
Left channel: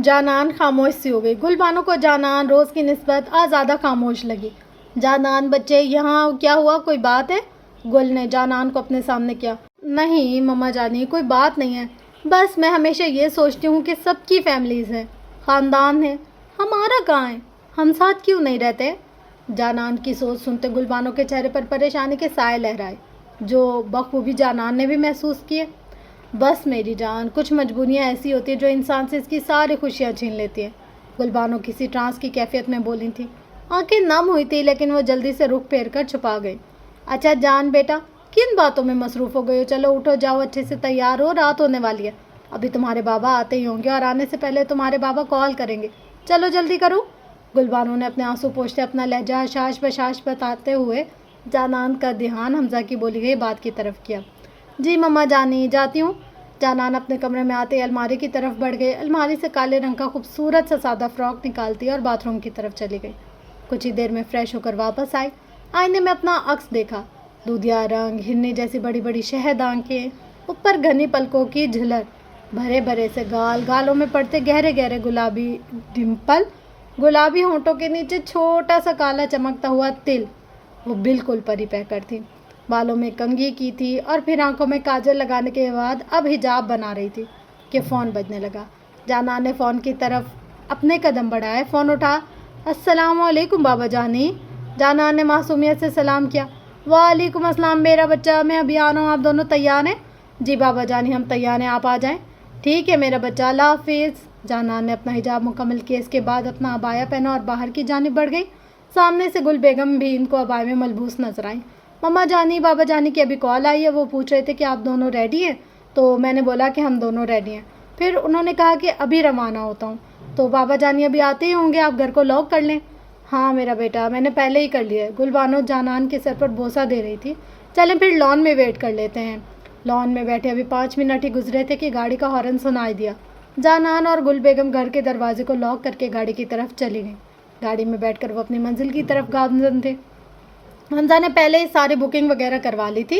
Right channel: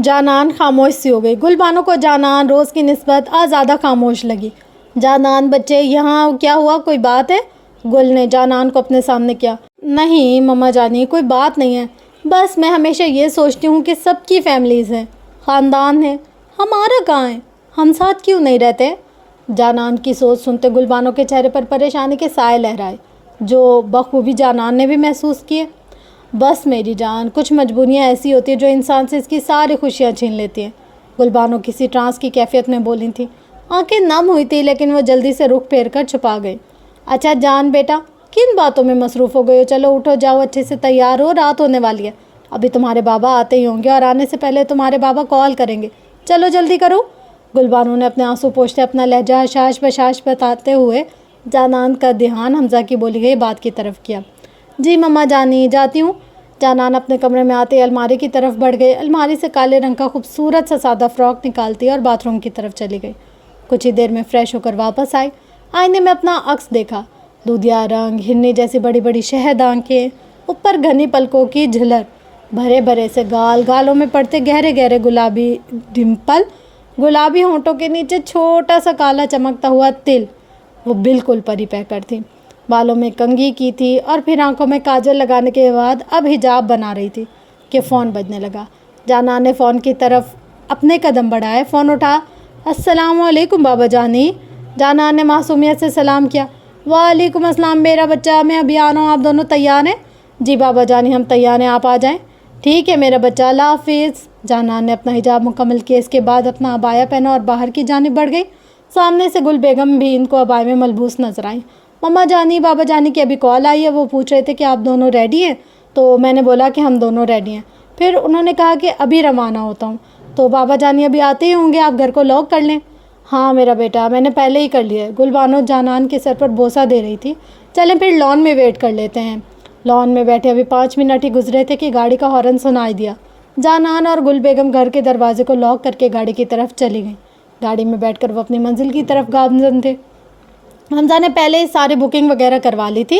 جانان خاموش سی ہو گئی۔ گل بانو کو جانان روز کی نسبت آج زیادہ خاموش لگی۔ جانان بچے، یہاں کیا ہوا، کوئی بات ہے؟ گل نے جانان کو اپنے سامنے کیا۔ نہیں مما جانی، کوئی بات نہیں ہے، بس میں ہمیشہ یہ سوچتی ہوں کہ سب کی فیملیز ہیں، خاندان ہیں، ہمارا کہاں ہے، ہم ساتھ کیوں نہیں رہتے؟ جانان کی سوچ سنتے گل بانو کے چہرے پر پریشانی کے سائے لہرائے، جو بخوبی جانان نے بھی محسوس کیے۔ بس میری جان، کچھ مجبوریاں ایسی ہوتی ہیں جو انسان سے اس کی ساری خوشیاں چھین لیتی ہیں، گل بانو کسی ٹرانس کی کیفیت میں بولی تھی۔ آنکھیں نم ہوئی تھی لیکن وہ جلدی سے رخ پھیر کر چھپا گئی۔ اچھا جان بیٹا، کن باتوں میں مصروف ہو گئے ہو؟ چلو اٹھو، جاؤ اچھے سے تیار ہو، رات ہونے والی ہے، ابھی تمہارے بابا آتے ہی ہوں گے اور آنے سے پہلے تمہارے بابا کال کریں گے، چلو جلدی کرو۔ گل بانو نے اپنے آنسو پوچھتے اپنا لہجہ حشاش بشاش بتاتے ہوئے جانان کا دھیان حمزہ کی بولی گئی بات کی طرف کیا۔ جی مما جانی، جاتی ہوں۔ جانان اپنے کمرے میں آتے الماری کی طرف بڑھ گئی، الماری سے کالے رنگ کا خوبصورت سا سادہ فراک نکالتی اور باتھ روم کی طرف چلی گئی۔ کچھ ہی دیر میں فریش ہو کر واپس آئی، آئینے میں اپنا عکس دیکھا، دودھیا رنگ، ہرنی جیسی بڑی بڑی شہد آنکھیں، اوپر گھنی پلکوں کی جھلر، بھرے بھرے سے گال، گالوں میں پڑتے گہرے گہرے گلابی ڈمپل، گلابی ہونٹوں کے نیچے چھوٹا سا کالا چمکتا ہوا تل، وہ بالکل پری پیکر تھی۔ بالوں میں کنگھی کی تھی اور پھر آنکھوں میں کاجل لگانے کے بعد اب حجاب بنا رہی تھی کہ فون بجنے لگا۔ جانان نے فون کی طرف اپنے قدم بڑھائے، فون اٹھا۔ السلام علیکم بابا جانی۔ جانان نے معصومیت سے سلام کیا۔ وعلیکم السلام میرا بچہ، میں ابھی آ رہا ہوں، آپ دونوں تیار ہیں؟ جی بابا جانی ہم تیار ہیں، آپ آ جائیں۔ ٹھیک ہے میرا بچہ، اللہ حافظ۔ جانان نے اپنا حجاب مکمل کیا، اس کے بعد اپنا عبایا پہنا اور باہر کی جانب بڑھ گئی۔ سامنے سے گل بیگم بھی ان کو عبایا میں ملبوس نظر آئیں۔ مما جانی بابا جانی کی ابھی کال آئی ہے، وہ پوچھ رہے تھے کہ آپ دونوں ریڈی ہیں، تو میں نے بولا کہ ہم دونوں ریڈی ہیں، پھر انہوں نے کہا کہ ابھی روانہ ہوتا ہوں، تو بابا جانی ابھی آتے ہی ہوں گے، آپ گھر کو لاک کر لیں۔ ہاں میرا بیٹا، میں نے پہلے ہی کر لیا ہے۔ گل بانو جانان کے سر پر بوسہ دے رہی تھی۔ چلیں پھر لان میں ویٹ کر لیتے ہیں۔ لان میں بیٹھے ابھی 5 منٹ ہی گزرے تھے کہ گاڑی کا ہارن سنائی دیا۔ جانان اور گل بیگم گھر کے دروازے کو لاک کر کے گاڑی کی طرف چلی گئیں۔ گاڑی میں بیٹھ کر وہ اپنی منزل کی طرف گامزن تھے۔ حمزہ نے پہلے ہی ساری بکنگ وغیرہ کروا لی تھی،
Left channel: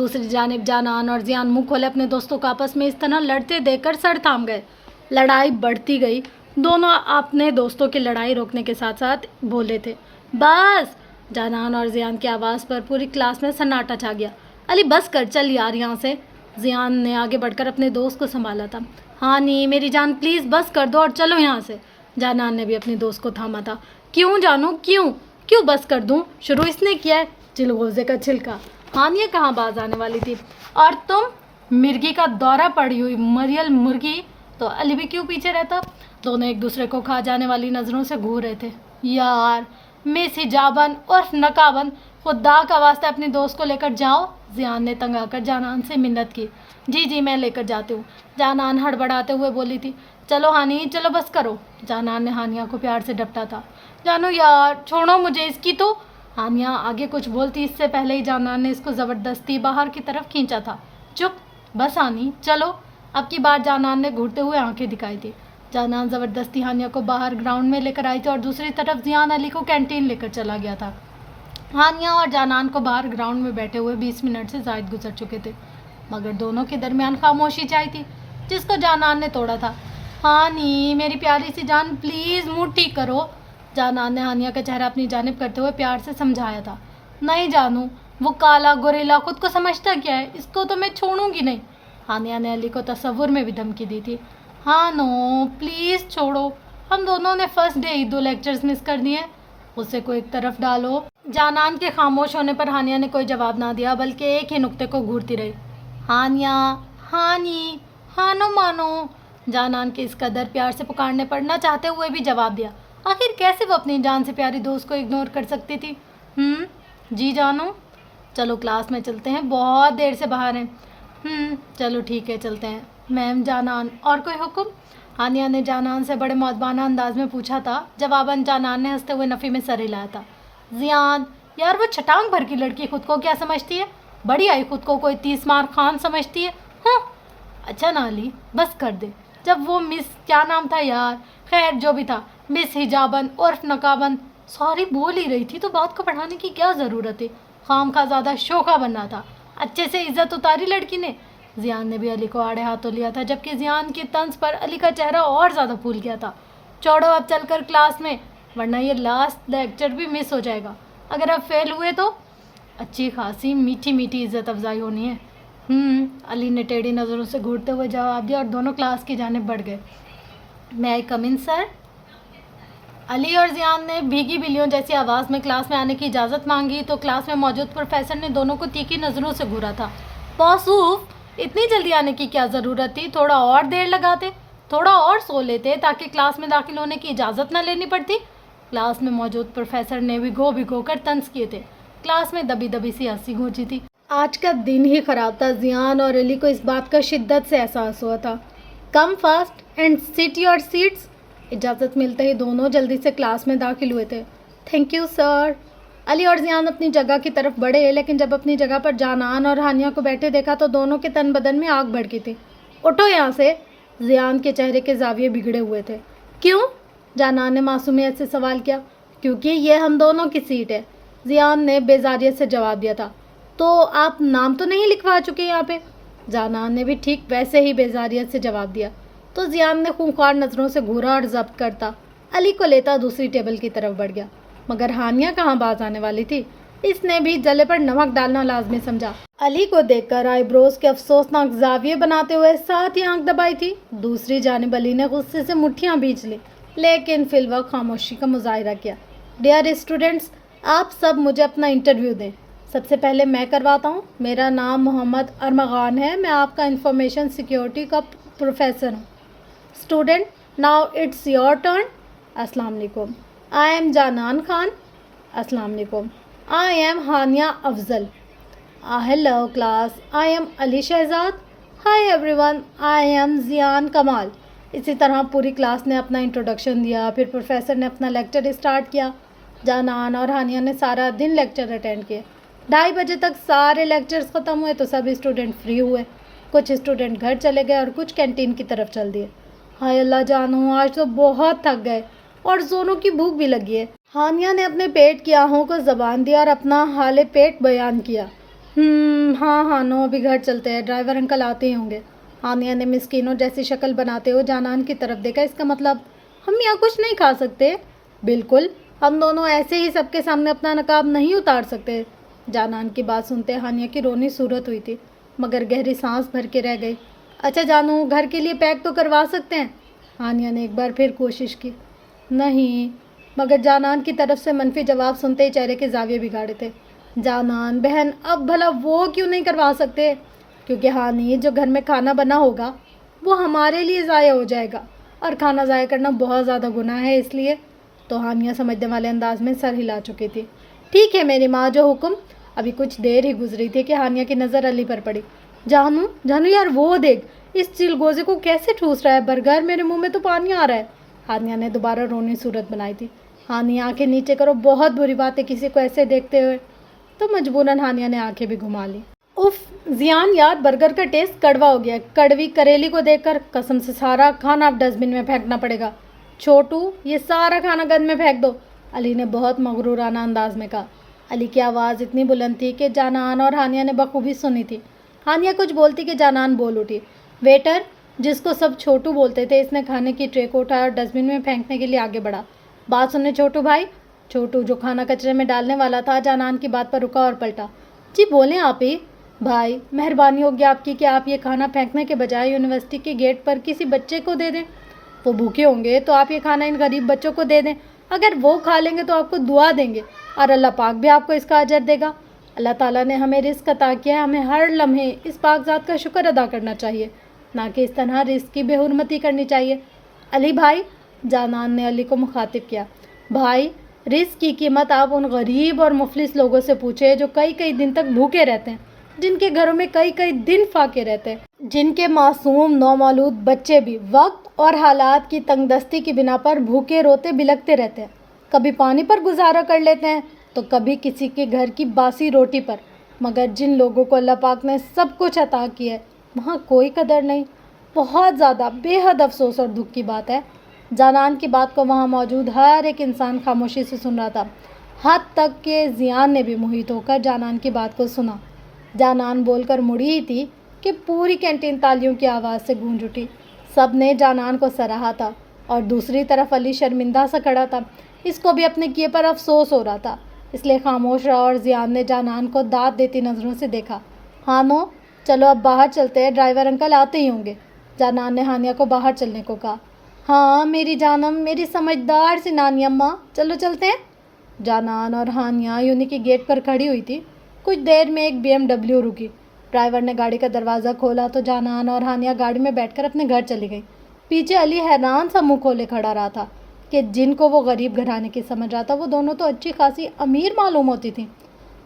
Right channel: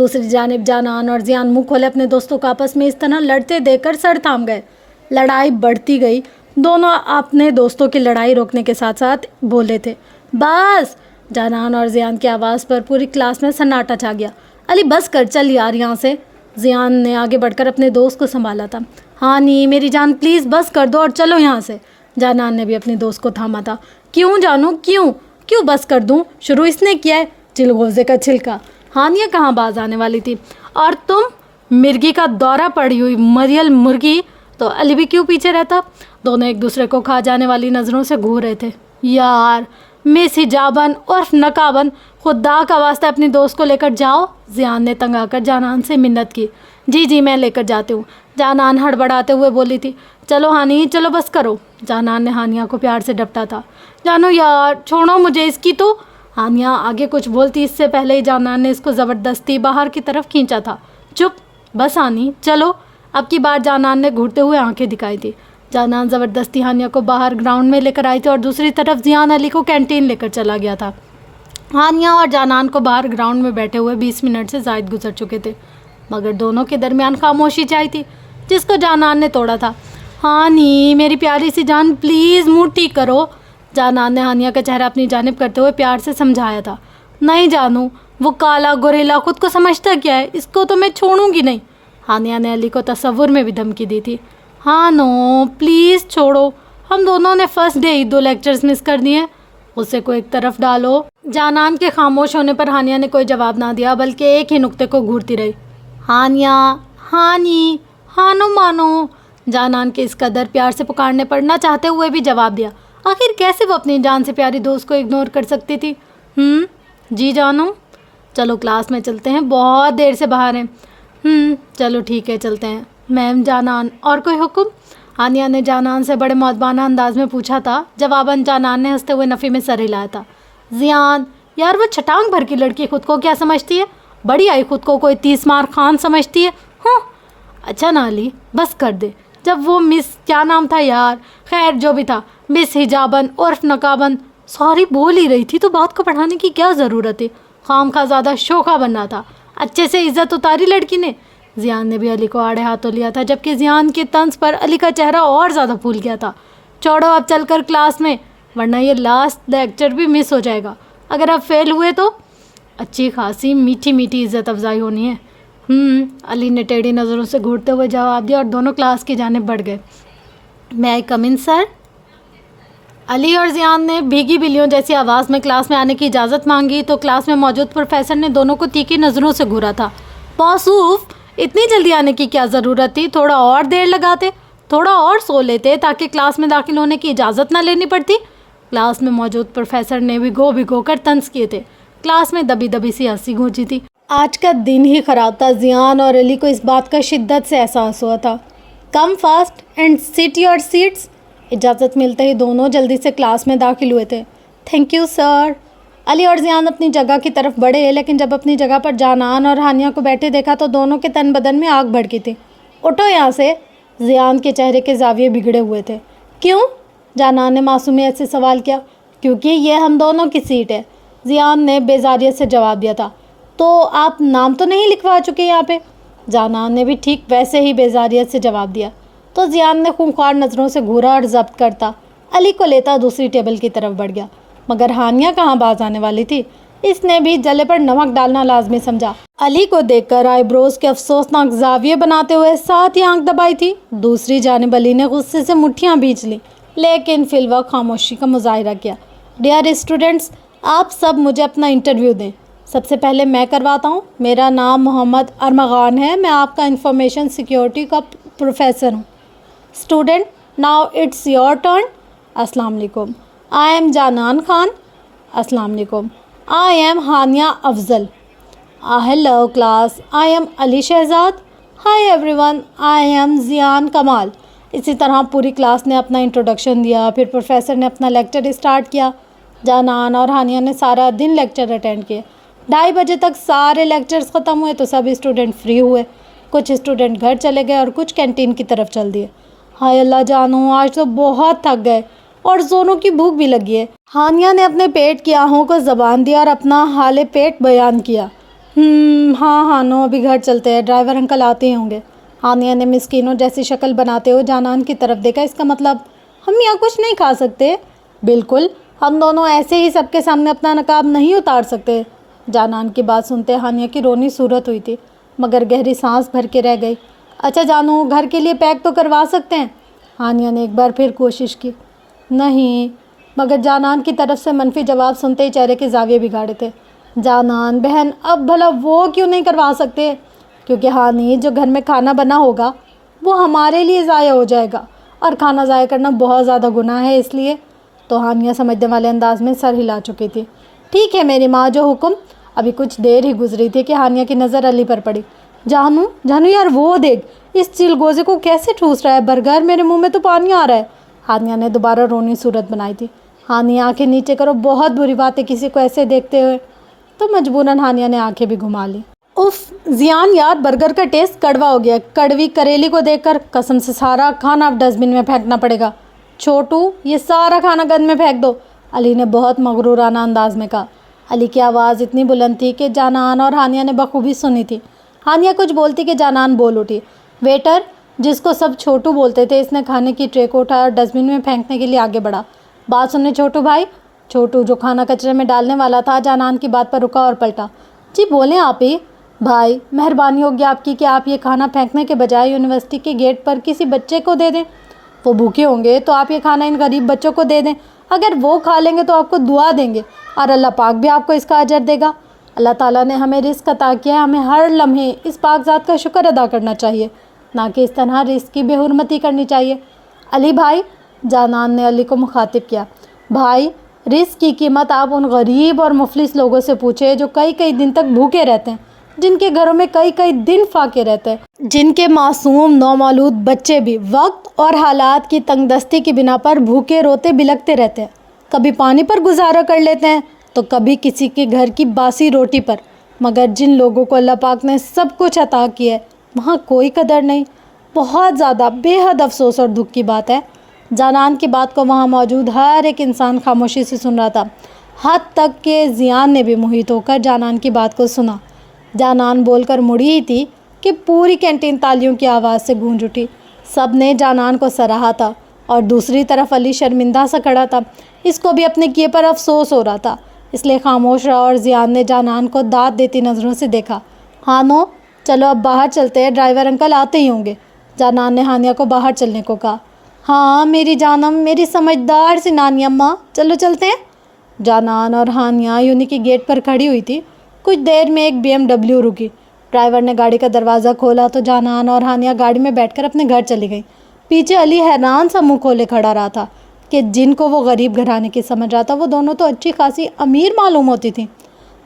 دوسری جانب جانان اور زیان منہ کھولے اپنے دوستوں کو آپس میں اس طرح لڑتے دیکھ کر سر تھام گئے۔ لڑائی بڑھتی گئی، دونوں اپنے دوستوں کی لڑائی روکنے کے ساتھ ساتھ بولے تھے، بس۔ جانان اور زیان کی آواز پر پوری کلاس میں سناٹا چھا گیا۔ علی بس کر، چل یار یہاں سے۔ زیان نے آگے بڑھ کر اپنے دوست کو سنبھالا تھا۔ ہاں نہیں میری جان پلیز بس کر دو اور چلو یہاں سے۔ جانان نے بھی اپنے دوست کو تھاما تھا۔ کیوں جانو کیوں بس کر دوں؟ شروع اس نے کیا ہے، چلغوزے کا چھلکا۔ ہانیہ کہاں باز آنے والی تھی؟ اور تم مرغی کا دورہ پڑی ہوئی مریل مرغی، تو علی بھی کیوں پیچھے رہتا؟ دونوں ایک دوسرے کو کھا جانے والی نظروں سے گھور رہے تھے۔ یار مس حجابن عرف نقابن، خدا کا واسطہ اپنی دوست کو لے کر جاؤ۔ زیان نے تنگ آ کر جانان سے منت کی۔ جی میں لے کر جاتی ہوں، جانان ہڑبڑاتے ہوئے بولی تھی۔ چلو ہانی چلو بس کرو۔ جانان نے ہانیہ کو پیار سے ڈپٹا تھا۔ جانو یار چھوڑو مجھے اس کی تو۔ ہانیہ آگے کچھ بولتی اس سے پہلے ہی جانان نے اس کو زبردستی باہر کی طرف کھینچا تھا۔ چپ بس ہانی چلو۔ اب کی بار جانان نے گھورتے ہوئے آنکھیں دکھائی تھی۔ جانان زبردستی ہانیہ کو باہر گراؤنڈ میں لے کر آئی تھی اور دوسری طرف زیان علی کو کینٹین لے کر چلا گیا تھا۔ ہانیہ اور جانان کو باہر گراؤنڈ میں بیٹھے ہوئے 20 منٹ سے زائد گزر چکے تھے، مگر دونوں کے درمیان خاموشی چھائی تھی جس کو جانان نے توڑا تھا۔ ہانی میری پیاری سی جان پلیز موڈ ٹھیک کرو۔ جانان نے ہانیہ کا چہرہ اپنی جانب کرتے ہوئے پیار سے سمجھایا تھا۔ نہیں جانو، وہ کالا گوریلا خود کو سمجھتا کیا ہے، اس کو تو میں چھوڑوں گی نہیں۔ ہانیہ نے علی کو تصور میں بھی دھمکی دی تھی۔ ہاں نو پلیز چھوڑو، ہم دونوں نے فرسٹ ڈے ہی 2 لیکچرز مس کر دیے، اسے کو ایک طرف ڈالو۔ جانان کے خاموش ہونے پر ہانیہ نے کوئی جواب نہ دیا بلکہ ایک ہی نقطے کو گھورتی رہی۔ ہانیہ ہانی ہانو مانو۔ جانان کے اس قدر پیار سے پکارنے پر نہ چاہتے ہوئے بھی جواب دیا۔ آخر کیسے وہ اپنی جان سے پیاری دوست کو اگنور کر سکتی تھی؟ جی جانو، چلو کلاس میں چلتے ہیں، بہت دیر سے باہر ہیں۔ چلو ٹھیک ہے چلتے ہیں۔ میم جانان اور کوئی حکم؟ ہانیہ نے جانان سے بڑے مؤدبانہ انداز میں پوچھا تھا۔ جواباً جانان نے ہنستے ہوئے نفی میں سر ہلایا تھا۔ زیان یار وہ چھٹانگ بھر کی لڑکی خود کو کیا سمجھتی ہے؟ بڑی آئی خود کو کوئی 30 مار خان سمجھتی ہے۔ اچھا نا علی بس کر دے، جب وہ مس کیا نام تھا یار، خیر جو بھی تھا، مس حجابن عرف نقابن سوری بول ہی رہی تھی تو بات کو پڑھانے کی کیا ضرورت تھی؟ خام خواہ زیادہ شوخہ بننا تھا، اچھے سے عزت اتاری لڑکی نے۔ زیان نے بھی علی کو آڑے ہاتھوں لیا تھا جبکہ زیان کے طنز پر علی کا چہرہ اور زیادہ پھول گیا تھا۔ چھوڑو اب چل کر کلاس میں، ورنہ یہ لاسٹ لیکچر بھی مس ہو جائے گا۔ اگر اب فیل ہوئے تو اچھی خاصی میٹھی عزت افزائی ہونی ہے۔ علی نے ٹیڑھی نظروں سے گھورتے ہوئے جواب دیا اور دونوں کلاس کی جانب بڑھ گئے۔ میں آئی کم ان سر؟ علی اور زیان نے بھیگی بلیوں جیسی آواز میں کلاس میں آنے کی اجازت مانگی تو کلاس میں موجود پروفیسر نے دونوں کو تیکھی نظروں سے گھورا تھا۔ موصوف اتنی جلدی آنے کی کیا ضرورت تھی؟ تھوڑا اور دیر لگاتے، تھوڑا اور سو لیتے تاکہ کلاس میں داخل ہونے کی اجازت نہ لینی پڑتی۔ کلاس میں موجود پروفیسر نے بھگو کر طنز کیے تھے۔ کلاس میں دبی دبی سی ہنسی گونجی تھی۔ آج کا دن ہی خراب تھا۔ زیان اور علی کو اس بات کا شدت سے احساس ہوا تھا۔ Come fast and set your seats. اجازت ملتے ہی دونوں جلدی سے کلاس میں داخل ہوئے تھے۔ Thank you sir. علی اور زیان اپنی جگہ کی طرف بڑھے لیکن جب اپنی جگہ پر جانان اور ہانیہ کو بیٹھے دیکھا تو دونوں کے تن بدن میں آگ بھڑکی تھی۔ اٹھو یہاں سے۔ زیان کے چہرے کے زاویے بگڑے ہوئے تھے۔ کیوں؟ جانان نے معصومیت سے سوال کیا۔ کیونکہ یہ ہم دونوں کی سیٹ ہے، زیان نے بیزاریت سے جواب دیا تھا۔ تو آپ نام تو نہیں لکھوا چکے یہاں پہ؟ جانان نے بھی ٹھیک ویسے ہی بیزاریت سے جواب دیا تو زیان نے خونخوار نظروں سے گھورا اور ضبط کرتا علی کو لیتا دوسری ٹیبل کی طرف بڑھ گیا۔ مگر ہانیہ کہاں باز آنے والی تھی؟ اس نے بھی جلے پر نمک ڈالنا لازمی سمجھا۔ علی کو دیکھ کر آئی بروز کے افسوسناک زاویے بناتے ہوئے ساتھ ہی آنکھ دبائی تھی۔ دوسری جانب علی نے غصے سے مٹھیاں بھینچ لی لیکن فی الوقت خاموشی کا مظاہرہ کیا۔ ڈیئر اسٹوڈنٹس، آپ سب مجھے اپنا انٹرویو دیں۔ سب سے پہلے میں کرواتا ہوں۔ میرا نام محمد ارمغان ہے، میں آپ کا انفارمیشن سیکیورٹی کا پروفیسر ہوں۔ Student now it's your turn. السلام علیکم، آئی ایم جانان خان۔ السلام علیکم، I am Haniya Afzal. Hello class, I am Ali Shahzad. Hi everyone, I am Zayan Kamal. اسی طرح پوری کلاس نے اپنا انٹروڈکشن دیا، پھر پروفیسر نے اپنا لیکچر اسٹارٹ کیا۔ جانان اور ہانیہ نے سارا دن لیکچر اٹینڈ کیے۔ 2:30 بجے تک سارے لیکچرز ختم ہوئے تو سب اسٹوڈنٹ فری ہوئے۔ کچھ اسٹوڈنٹ گھر چلے گئے اور کچھ کینٹین کی طرف چل دیے۔ ہائے اللہ جانو، آج تو بہت تھک گئے اور دونوں کی بھوک بھی لگی ہے۔ ہانیہ نے اپنے پیٹ کی آہوں کو زبان دی اور اپنا حال پیٹ بیان کیا۔ ہاں ہاں نو ابھی گھر چلتے ہیں، ڈرائیور انکل آتے ہی ہوں گے۔ ہانیہ نے مسکینوں جیسی شکل بناتے ہوئے جانان کی طرف دیکھا۔ اس کا مطلب ہم یہاں کچھ نہیں کھا سکتے؟ بالکل، ہم دونوں ایسے ہی سب کے سامنے اپنا نقاب نہیں اتار سکتے۔ جانان کی بات سنتے ہانیہ کی رونی صورت ہوئی تھی، مگر گہری سانس بھر کے رہ گئی۔ اچھا جانو، گھر کے لیے پیک تو کروا سکتے ہیں؟ ہانیہ نے ایک بار پھر کوشش کی۔ نہیں، مگر جانان کی طرف سے منفی جواب سنتے ہی چہرے کے زاویے بگاڑے تھے۔ جانان بہن، اب بھلا وہ کیوں نہیں کروا سکتے؟ کیونکہ ہانی جو گھر میں کھانا بنا ہوگا وہ ہمارے لیے ضائع ہو جائے گا، اور کھانا ضائع کرنا بہت زیادہ گناہ ہے، اس لیے۔ تو ہانیہ سمجھنے والے انداز میں سر ہلا چکی تھی۔ ٹھیک ہے میری ماں، جو حکم۔ ابھی کچھ دیر ہی گزری تھی کہ ہانیہ کی نظر علی پر پڑی۔ جانو یار وہ دیکھ، اس چلگوزے کو کیسے ٹھوس رہا ہے، برگر میرے منہ میں تو پانی آ رہا ہے۔ ہانیہ نے دوبارہ رونی صورت بنائی تھی۔ ہانیہ آنکھیں نیچے کرو، بہت بری بات ہے کسی کو ایسے دیکھتے ہوئے۔ تو مجبوراً ہانیہ نے آنکھیں بھی گھما لی۔ اف زیان یار، برگر کا ٹیسٹ کڑوا ہو گیا۔ کڑوی کریلی کو دیکھ کر قسم سے سارا کھانا اب ڈسٹ بن میں پھینکنا پڑے گا۔ چھوٹو، یہ سارا کھانا گند میں پھینک دو، علی نے بہت مغرورانہ انداز میں کہا۔ علی کی آواز اتنی بلند تھی کہ جانان اور ہانیہ نے بخوبی سنی تھی۔ ہانیہ کچھ بولتی کہ جانان بول اٹھی۔ ویٹر، جس کو سب چھوٹو بولتے تھے، اس نے کھانے کی ٹرے کو اٹھایا اور ڈسٹ بن میں پھینکنے کے لیے آگے بڑھا۔ بات سننے چھوٹو بھائی۔ چھوٹو جو کھانا کچرے میں ڈالنے والا تھا، جانان کی بات پر رکا اور پلٹا۔ جی بولیں آپ ہی۔ بھائی مہربانی ہوگی آپ کی کہ آپ یہ کھانا پھینکنے کے بجائے یونیورسٹی کے گیٹ پر کسی بچے کو دے دیں۔ وہ بھوکے ہوں گے تو آپ یہ کھانا ان غریب بچوں کو دے دیں، اگر وہ کھا لیں گے تو آپ کو دعا دیں گے، اور اللہ پاک بھی آپ کو اس کا اجر دے گا۔ اللہ تعالیٰ نے ہمیں رزق عطا کیا ہے، ہمیں ہر لمحے اس پاک ذات کا شکر ادا کرنا چاہیے، نہ کہ اس طرح رزق کی بے حرمتی کرنی چاہیے۔ علی بھائی، جانان نے علی کو مخاطب کیا، بھائی رزق کی قیمت آپ ان غریب اور مفلس لوگوں سے پوچھے جو کئی کئی دن تک بھوکے رہتے ہیں، جن کے گھروں میں کئی کئی دن فاقے رہتے ہیں، جن کے معصوم نومولود بچے بھی وقت اور حالات کی تنگ دستی کی بنا پر بھوکے روتے بلکتے رہتے ہیں، کبھی پانی پر گزارا کر لیتے ہیں تو کبھی کسی کے گھر کی باسی روٹی پر، مگر جن لوگوں کو اللہ پاک نے سب کچھ عطا کیا ہے وہاں کوئی قدر نہیں۔ بہت زیادہ بے حد افسوس اور دکھ کی بات ہے۔ جانان کی بات کو وہاں موجود ہر ایک انسان خاموشی سے سن رہا تھا، حد تک کہ زیان نے بھی محیط ہو کر جانان کی بات کو سنا۔ جانان بول کر مڑی ہی تھی کہ پوری کینٹین تالیوں کی آواز سے گونج اٹھی۔ سب نے جانان کو سراہا تھا، اور دوسری طرف علی شرمندہ سا کھڑا تھا، اس کو بھی اپنے کیے پر افسوس ہو رہا تھا، اس لیے خاموش رہا، اور زیان نے جانان کو داد دیتی نظروں سے دیکھا۔ ہانو چلو اب باہر چلتے ہیں، ڈرائیور انکل آتے ہی ہوں گے۔ جانان نے ہانیہ کو باہر چلنے کو کہا۔ ہاں میری جانم، میری سمجھدار سی نانی اماں، چلو چلتے ہیں۔ جانان اور ہانیہ یونی کی گیٹ پر کھڑی ہوئی تھی۔ کچھ دیر میں ایک BMW رکی۔ ڈرائیور نے گاڑی کا دروازہ کھولا تو جانان اور ہانیہ گاڑی میں بیٹھ کر اپنے گھر چلی گئیں۔ پیچھے علی حیران سا منہ کھولے کھڑا رہا تھا کہ جن کو وہ غریب گھرانے کی سمجھ رہا تھا، وہ دونوں تو اچھی خاصی امیر معلوم ہوتی تھیں۔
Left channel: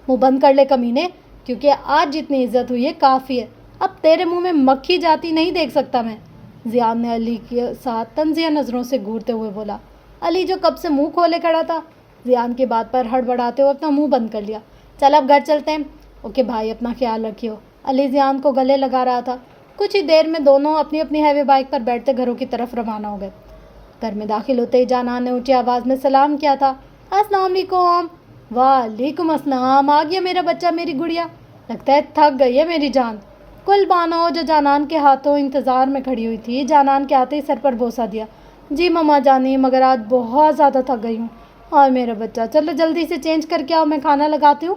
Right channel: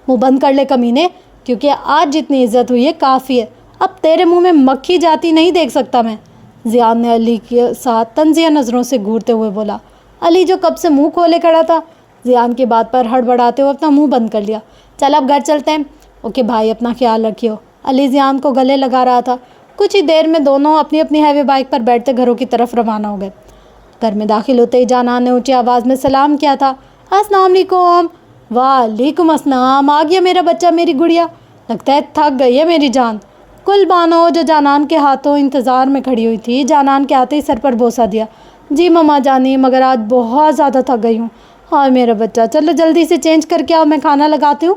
منہ بند کر لے کمینے، کیونکہ آج جتنی عزت ہوئی ہے کافی ہے، اب تیرے منہ میں مکھی جاتی نہیں دیکھ سکتا میں۔ زیان نے علی کے ساتھ طنزیہ نظروں سے گھورتے ہوئے بولا۔ علی جو کب سے منہ کھولے کھڑا تھا، زیان کی بات پر ہڑبڑاتے ہوئے اپنا منہ بند کر لیا۔ چل اب گھر چلتے ہیں۔ اوکے بھائی، اپنا خیال رکھیو۔ علی زیان کو گلے لگا رہا تھا۔ کچھ ہی دیر میں دونوں اپنی اپنی ہیوی بائک پر بیٹھتے گھروں کی طرف روانہ ہو گئے۔ گھر میں داخل ہوتے ہی جانان نے اونچی آواز میں سلام کیا تھا۔ السلام علیکم۔ وعلیکم السلام۔ آ گیا میرا بچہ، میری گڑیا، لگتا ہے تھک گئی ہے میری جان۔ کل بانو جو جانان کے ہاتھوں انتظار میں کھڑی ہوئی تھی، جانان کے آتے ہی سر پر بوسہ دیا۔ جی مما جانی، مگر آج بہت زیادہ تھک گئی ہوں۔ ہاں میرا بچہ، چلو جلدی سے چینج کر کے آؤ، میں کھانا لگاتی ہوں۔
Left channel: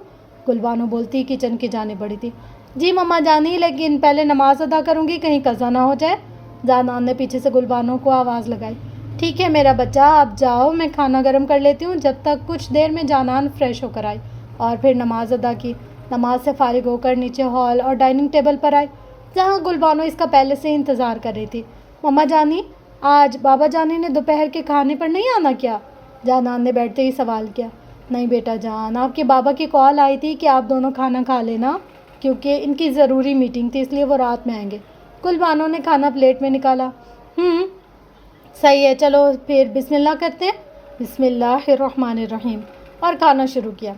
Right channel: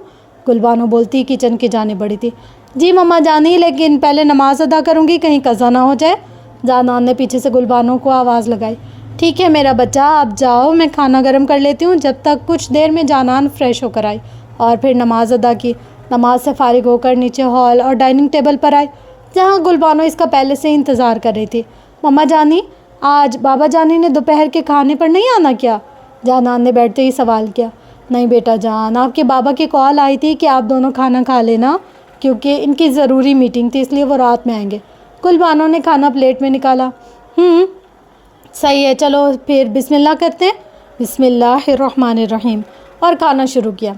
گل بانو بولتی کچن کی جانب بڑھی تھی۔ جی مما جانی، لیکن پہلے نماز ادا کروں گی، کہیں قضا نہ ہو جائے۔ جانان نے پیچھے سے گل بانو کو آواز لگائی۔ ٹھیک ہے میرا بچہ، آپ جاؤ، میں کھانا گرم کر لیتی ہوں۔ جب تک کچھ دیر میں جانان فریش ہو کر آئی اور پھر نماز ادا کی۔ نماز سے فارغ ہو کر نیچے ہال اور ڈائننگ ٹیبل پر آئی، جہاں گل بانو اس کا پہلے سے انتظار کر رہی تھی۔ مما جانی، آج بابا جانی نے دوپہر کے کھانے پر نہیں آنا کیا؟ جانان نے بیٹھتے ہی سوال کیا۔ نہیں بیٹا جان، آپ کے بابا کی کال آئی تھی کہ آپ دونوں کھانا کھا لینا، کیونکہ ان کی ضروری میٹنگ تھی، اس لیے وہ رات میں آئیں گے۔ گل بانو نے کھانا پلیٹ میں نکالا۔ صحیح ہے، چلو پھر بسم اللہ کرتے ہیں۔ بسم اللہ الرحمن الرحیم، اور کھانا شروع کیا۔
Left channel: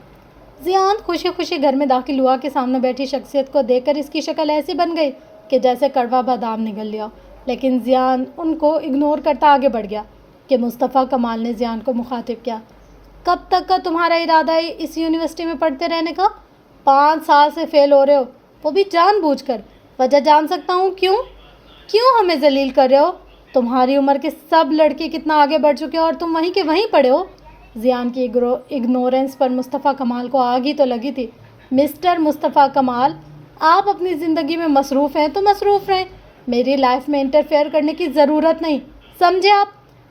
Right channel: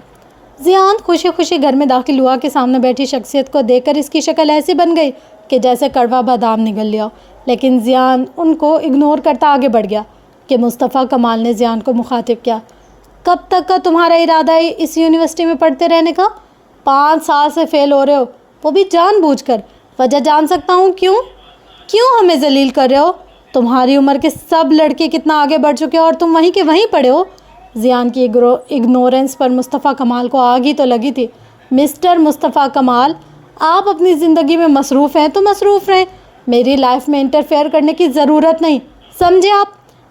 زیان خوشی خوشی گھر میں داخل ہوا کہ سامنے بیٹھی شخصیت کو دیکھ کر اس کی شکل ایسی بن گئی کہ جیسے کڑوا بادام نگل لیا ہو، لیکن زیان ان کو اگنور کرتا آگے بڑھ گیا کہ مصطفیٰ کمال نے زیان کو مخاطب کیا۔ کب تک کا تمہارا ارادہ ہے اس یونیورسٹی میں پڑھتے رہنے کا؟ 5 سال سے فیل ہو رہے ہو، وہ بھی جان بوجھ کر۔ وجہ جان سکتا ہوں کیوں ہمیں ذلیل کر رہے ہو؟ تمہاری عمر کے سب لڑکے کتنا آگے بڑھ چکے ہو اور تم وہیں کے وہیں پڑے ہو۔ زیان کی اگنورنس پر مصطفیٰ کمال کو آگ ہی تو لگی تھی۔ مسٹر مصطفیٰ کمال، آپ اپنی زندگی میں مصروف ہیں تو مصروف رہیں، میری لائف میں انٹرفیئر کرنے کی ضرورت نہیں، سمجھے آپ؟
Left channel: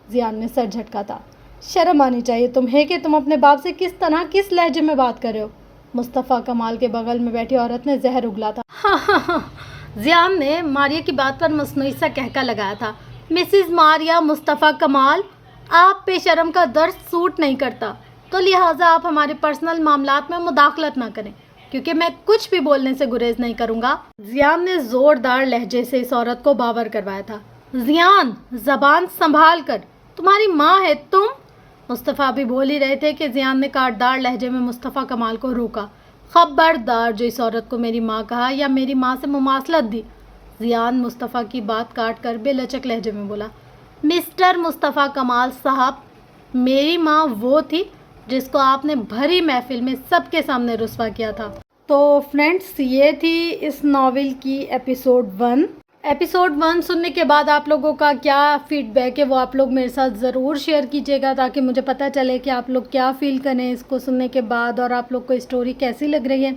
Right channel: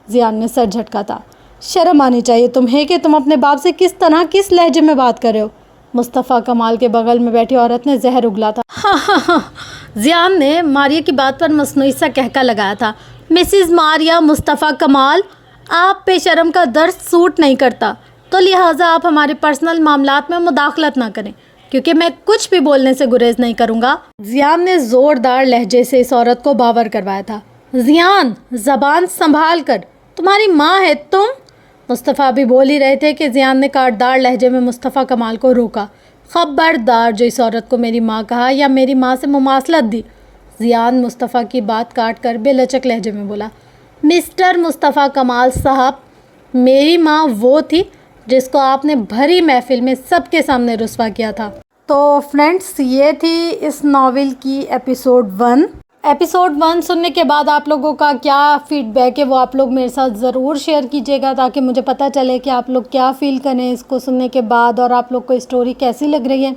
زیان نے سر جھٹکا تھا۔ شرم آنی چاہیے تمہیں کہ تم اپنے باپ سے کس طرح کس لہجے میں بات کر رہے ہو۔ مصطفیٰ کمال کے بغل میں بیٹھی عورت نے زہر اگلا تھا۔ زیان نے ماریہ کی بات پر مصنوعی سا کہکا لگایا تھا۔ مسز ماریہ مصطفیٰ کمال، آپ پہ شرم کا درس سوٹ نہیں کرتا، تو لہٰذا آپ ہمارے پرسنل معاملات میں مداخلت نہ کریں، کیونکہ میں کچھ بھی بولنے سے گریز نہیں کروں گا۔ زیان نے زوردار لہجے سے اس عورت کو باور کروایا تھا۔ زیان، زبان سنبھال کر، تمہاری ماں ہے تم۔ مصطفیٰ بھی بول ہی رہے تھے کہ زیان نے کاٹدار لہجے میں مصطفیٰ کمال کو روکا۔ خبردار جو اس عورت کو میری ماں کہا یا میری ماں سے مماثلت دی۔ زیان مصطفیٰ کی بات کاٹ کر بے لچک لہجے میں بولا، مسٹر مصطفیٰ کمال صاحب، میری ماں وہ تھی جس کو آپ نے بھری محفل میں سب کے سامنے رسوا کیا تھا۔ تو فرینڈس، یہ تھی اس ناول کی ایپیسوڈ 1۔ ایپیسوڈ 1 سننے کے بعد آپ لوگوں کا کیا فیڈ بیک ہے وہ آپ لوگ میرے ساتھ ضرور شیئر کیجیے گا، تاکہ مجھے پتہ چلے کہ آپ لوگ کیا فیل کریں اس کو سننے کے بعد، اور آپ لوگ کو اسٹوری کیسی لگ رہی ہے۔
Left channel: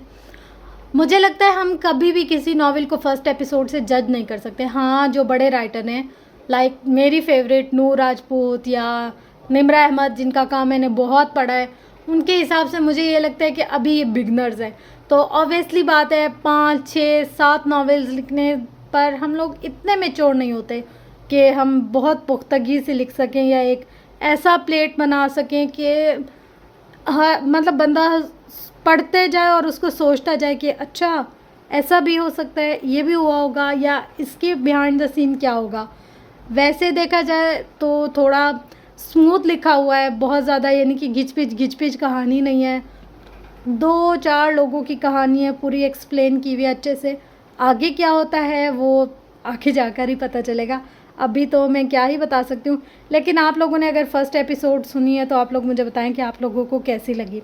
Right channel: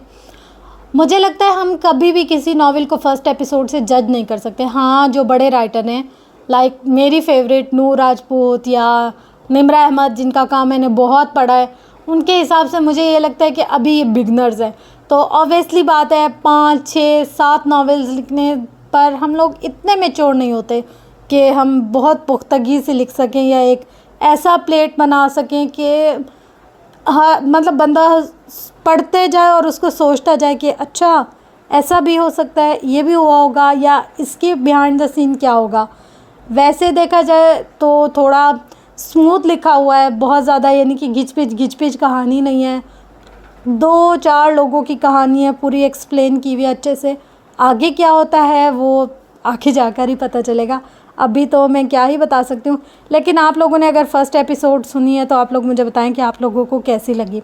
مجھے لگتا ہے ہم کبھی بھی کسی ناول کو فرسٹ ایپیسوڈ سے جج نہیں کر سکتے۔ ہاں، جو بڑے رائٹر ہیں لائک میری فیوریٹ نور راجپوت یا نمرہ احمد، جن کا کام میں نے بہت پڑھا ہے، ان کے حساب سے مجھے یہ لگتا ہے کہ ابھی یہ بگنرز ہیں، تو آبویسلی بات ہے 5 6 7 ناولز لکھنے پر ہم لوگ اتنے میچور نہیں ہوتے کہ ہم بہت پختگی سے لکھ سکیں یا ایک ایسا پلیٹ بنا سکیں کہ مطلب بندہ پڑھتے جائے اور اس کو سوچتا جائے کہ اچھا ایسا بھی ہو سکتا ہے، یہ بھی ہوا ہوگا، یا اس کے بیہائنڈ دا سین کیا ہوگا۔ ویسے دیکھا جائے تو تھوڑا اسموتھ لکھا ہوا ہے، بہت زیادہ یعنی کہ گھچ پچ کہانی نہیں ہے، 2-4 لوگوں کی کہانی ہے پوری ایکسپلین کی ہوئی اچھے سے۔ آگے کیا ہوتا ہے وہ آگے جا کر ہی پتہ چلے گا، ابھی تو میں کیا ہی بتا سکتی ہوں۔ لیکن آپ لوگوں نے اگر فرسٹ ایپیسوڈ سنی ہے تو آپ لوگ مجھے بتائیں کہ آپ لوگوں کو کیسی لگی،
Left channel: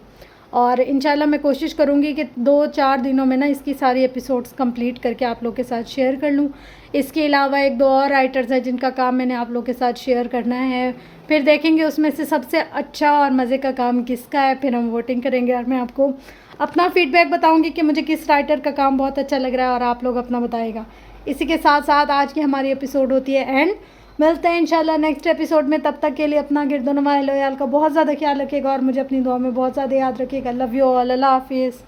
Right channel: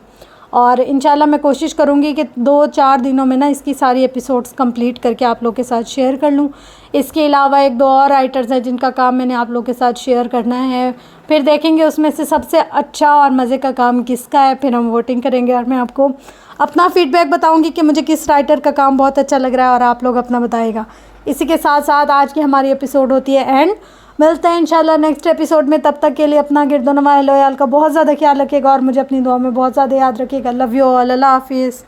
اور انشاءاللہ میں کوشش کروں گی کہ 2-4 دنوں میں نا اس کی ساری ایپیسوڈز کمپلیٹ کر کے آپ لوگ کے ساتھ شیئر کر لوں۔ اس کے علاوہ 1-2 اور رائٹرز ہیں جن کا کام میں نے آپ لوگ کے ساتھ شیئر کرنا ہے، پھر دیکھیں گے اس میں سے سب سے اچھا اور مزے کا کام کس کا ہے، پھر ہم ووٹنگ کریں گے اور میں آپ کو اپنا فیڈ بیک بتاؤں گی کہ مجھے کس رائٹر کا کام بہت اچھا لگ رہا ہے، اور آپ لوگ اپنا بتائے گا۔ اسی کے ساتھ ساتھ آج کی ہماری ایپیسوڈ ہوتی ہے اینڈ۔ ملتے ہیں انشاءاللہ نیکسٹ ایپیسوڈ میں، تب تک کے لیے اپنا گرد و نواح لویال کا بہت زیادہ خیال رکھیے گا اور مجھے اپنی دعا میں بہت زیادہ یاد رکھیے گا۔ لو یو آل، اللہ حافظ۔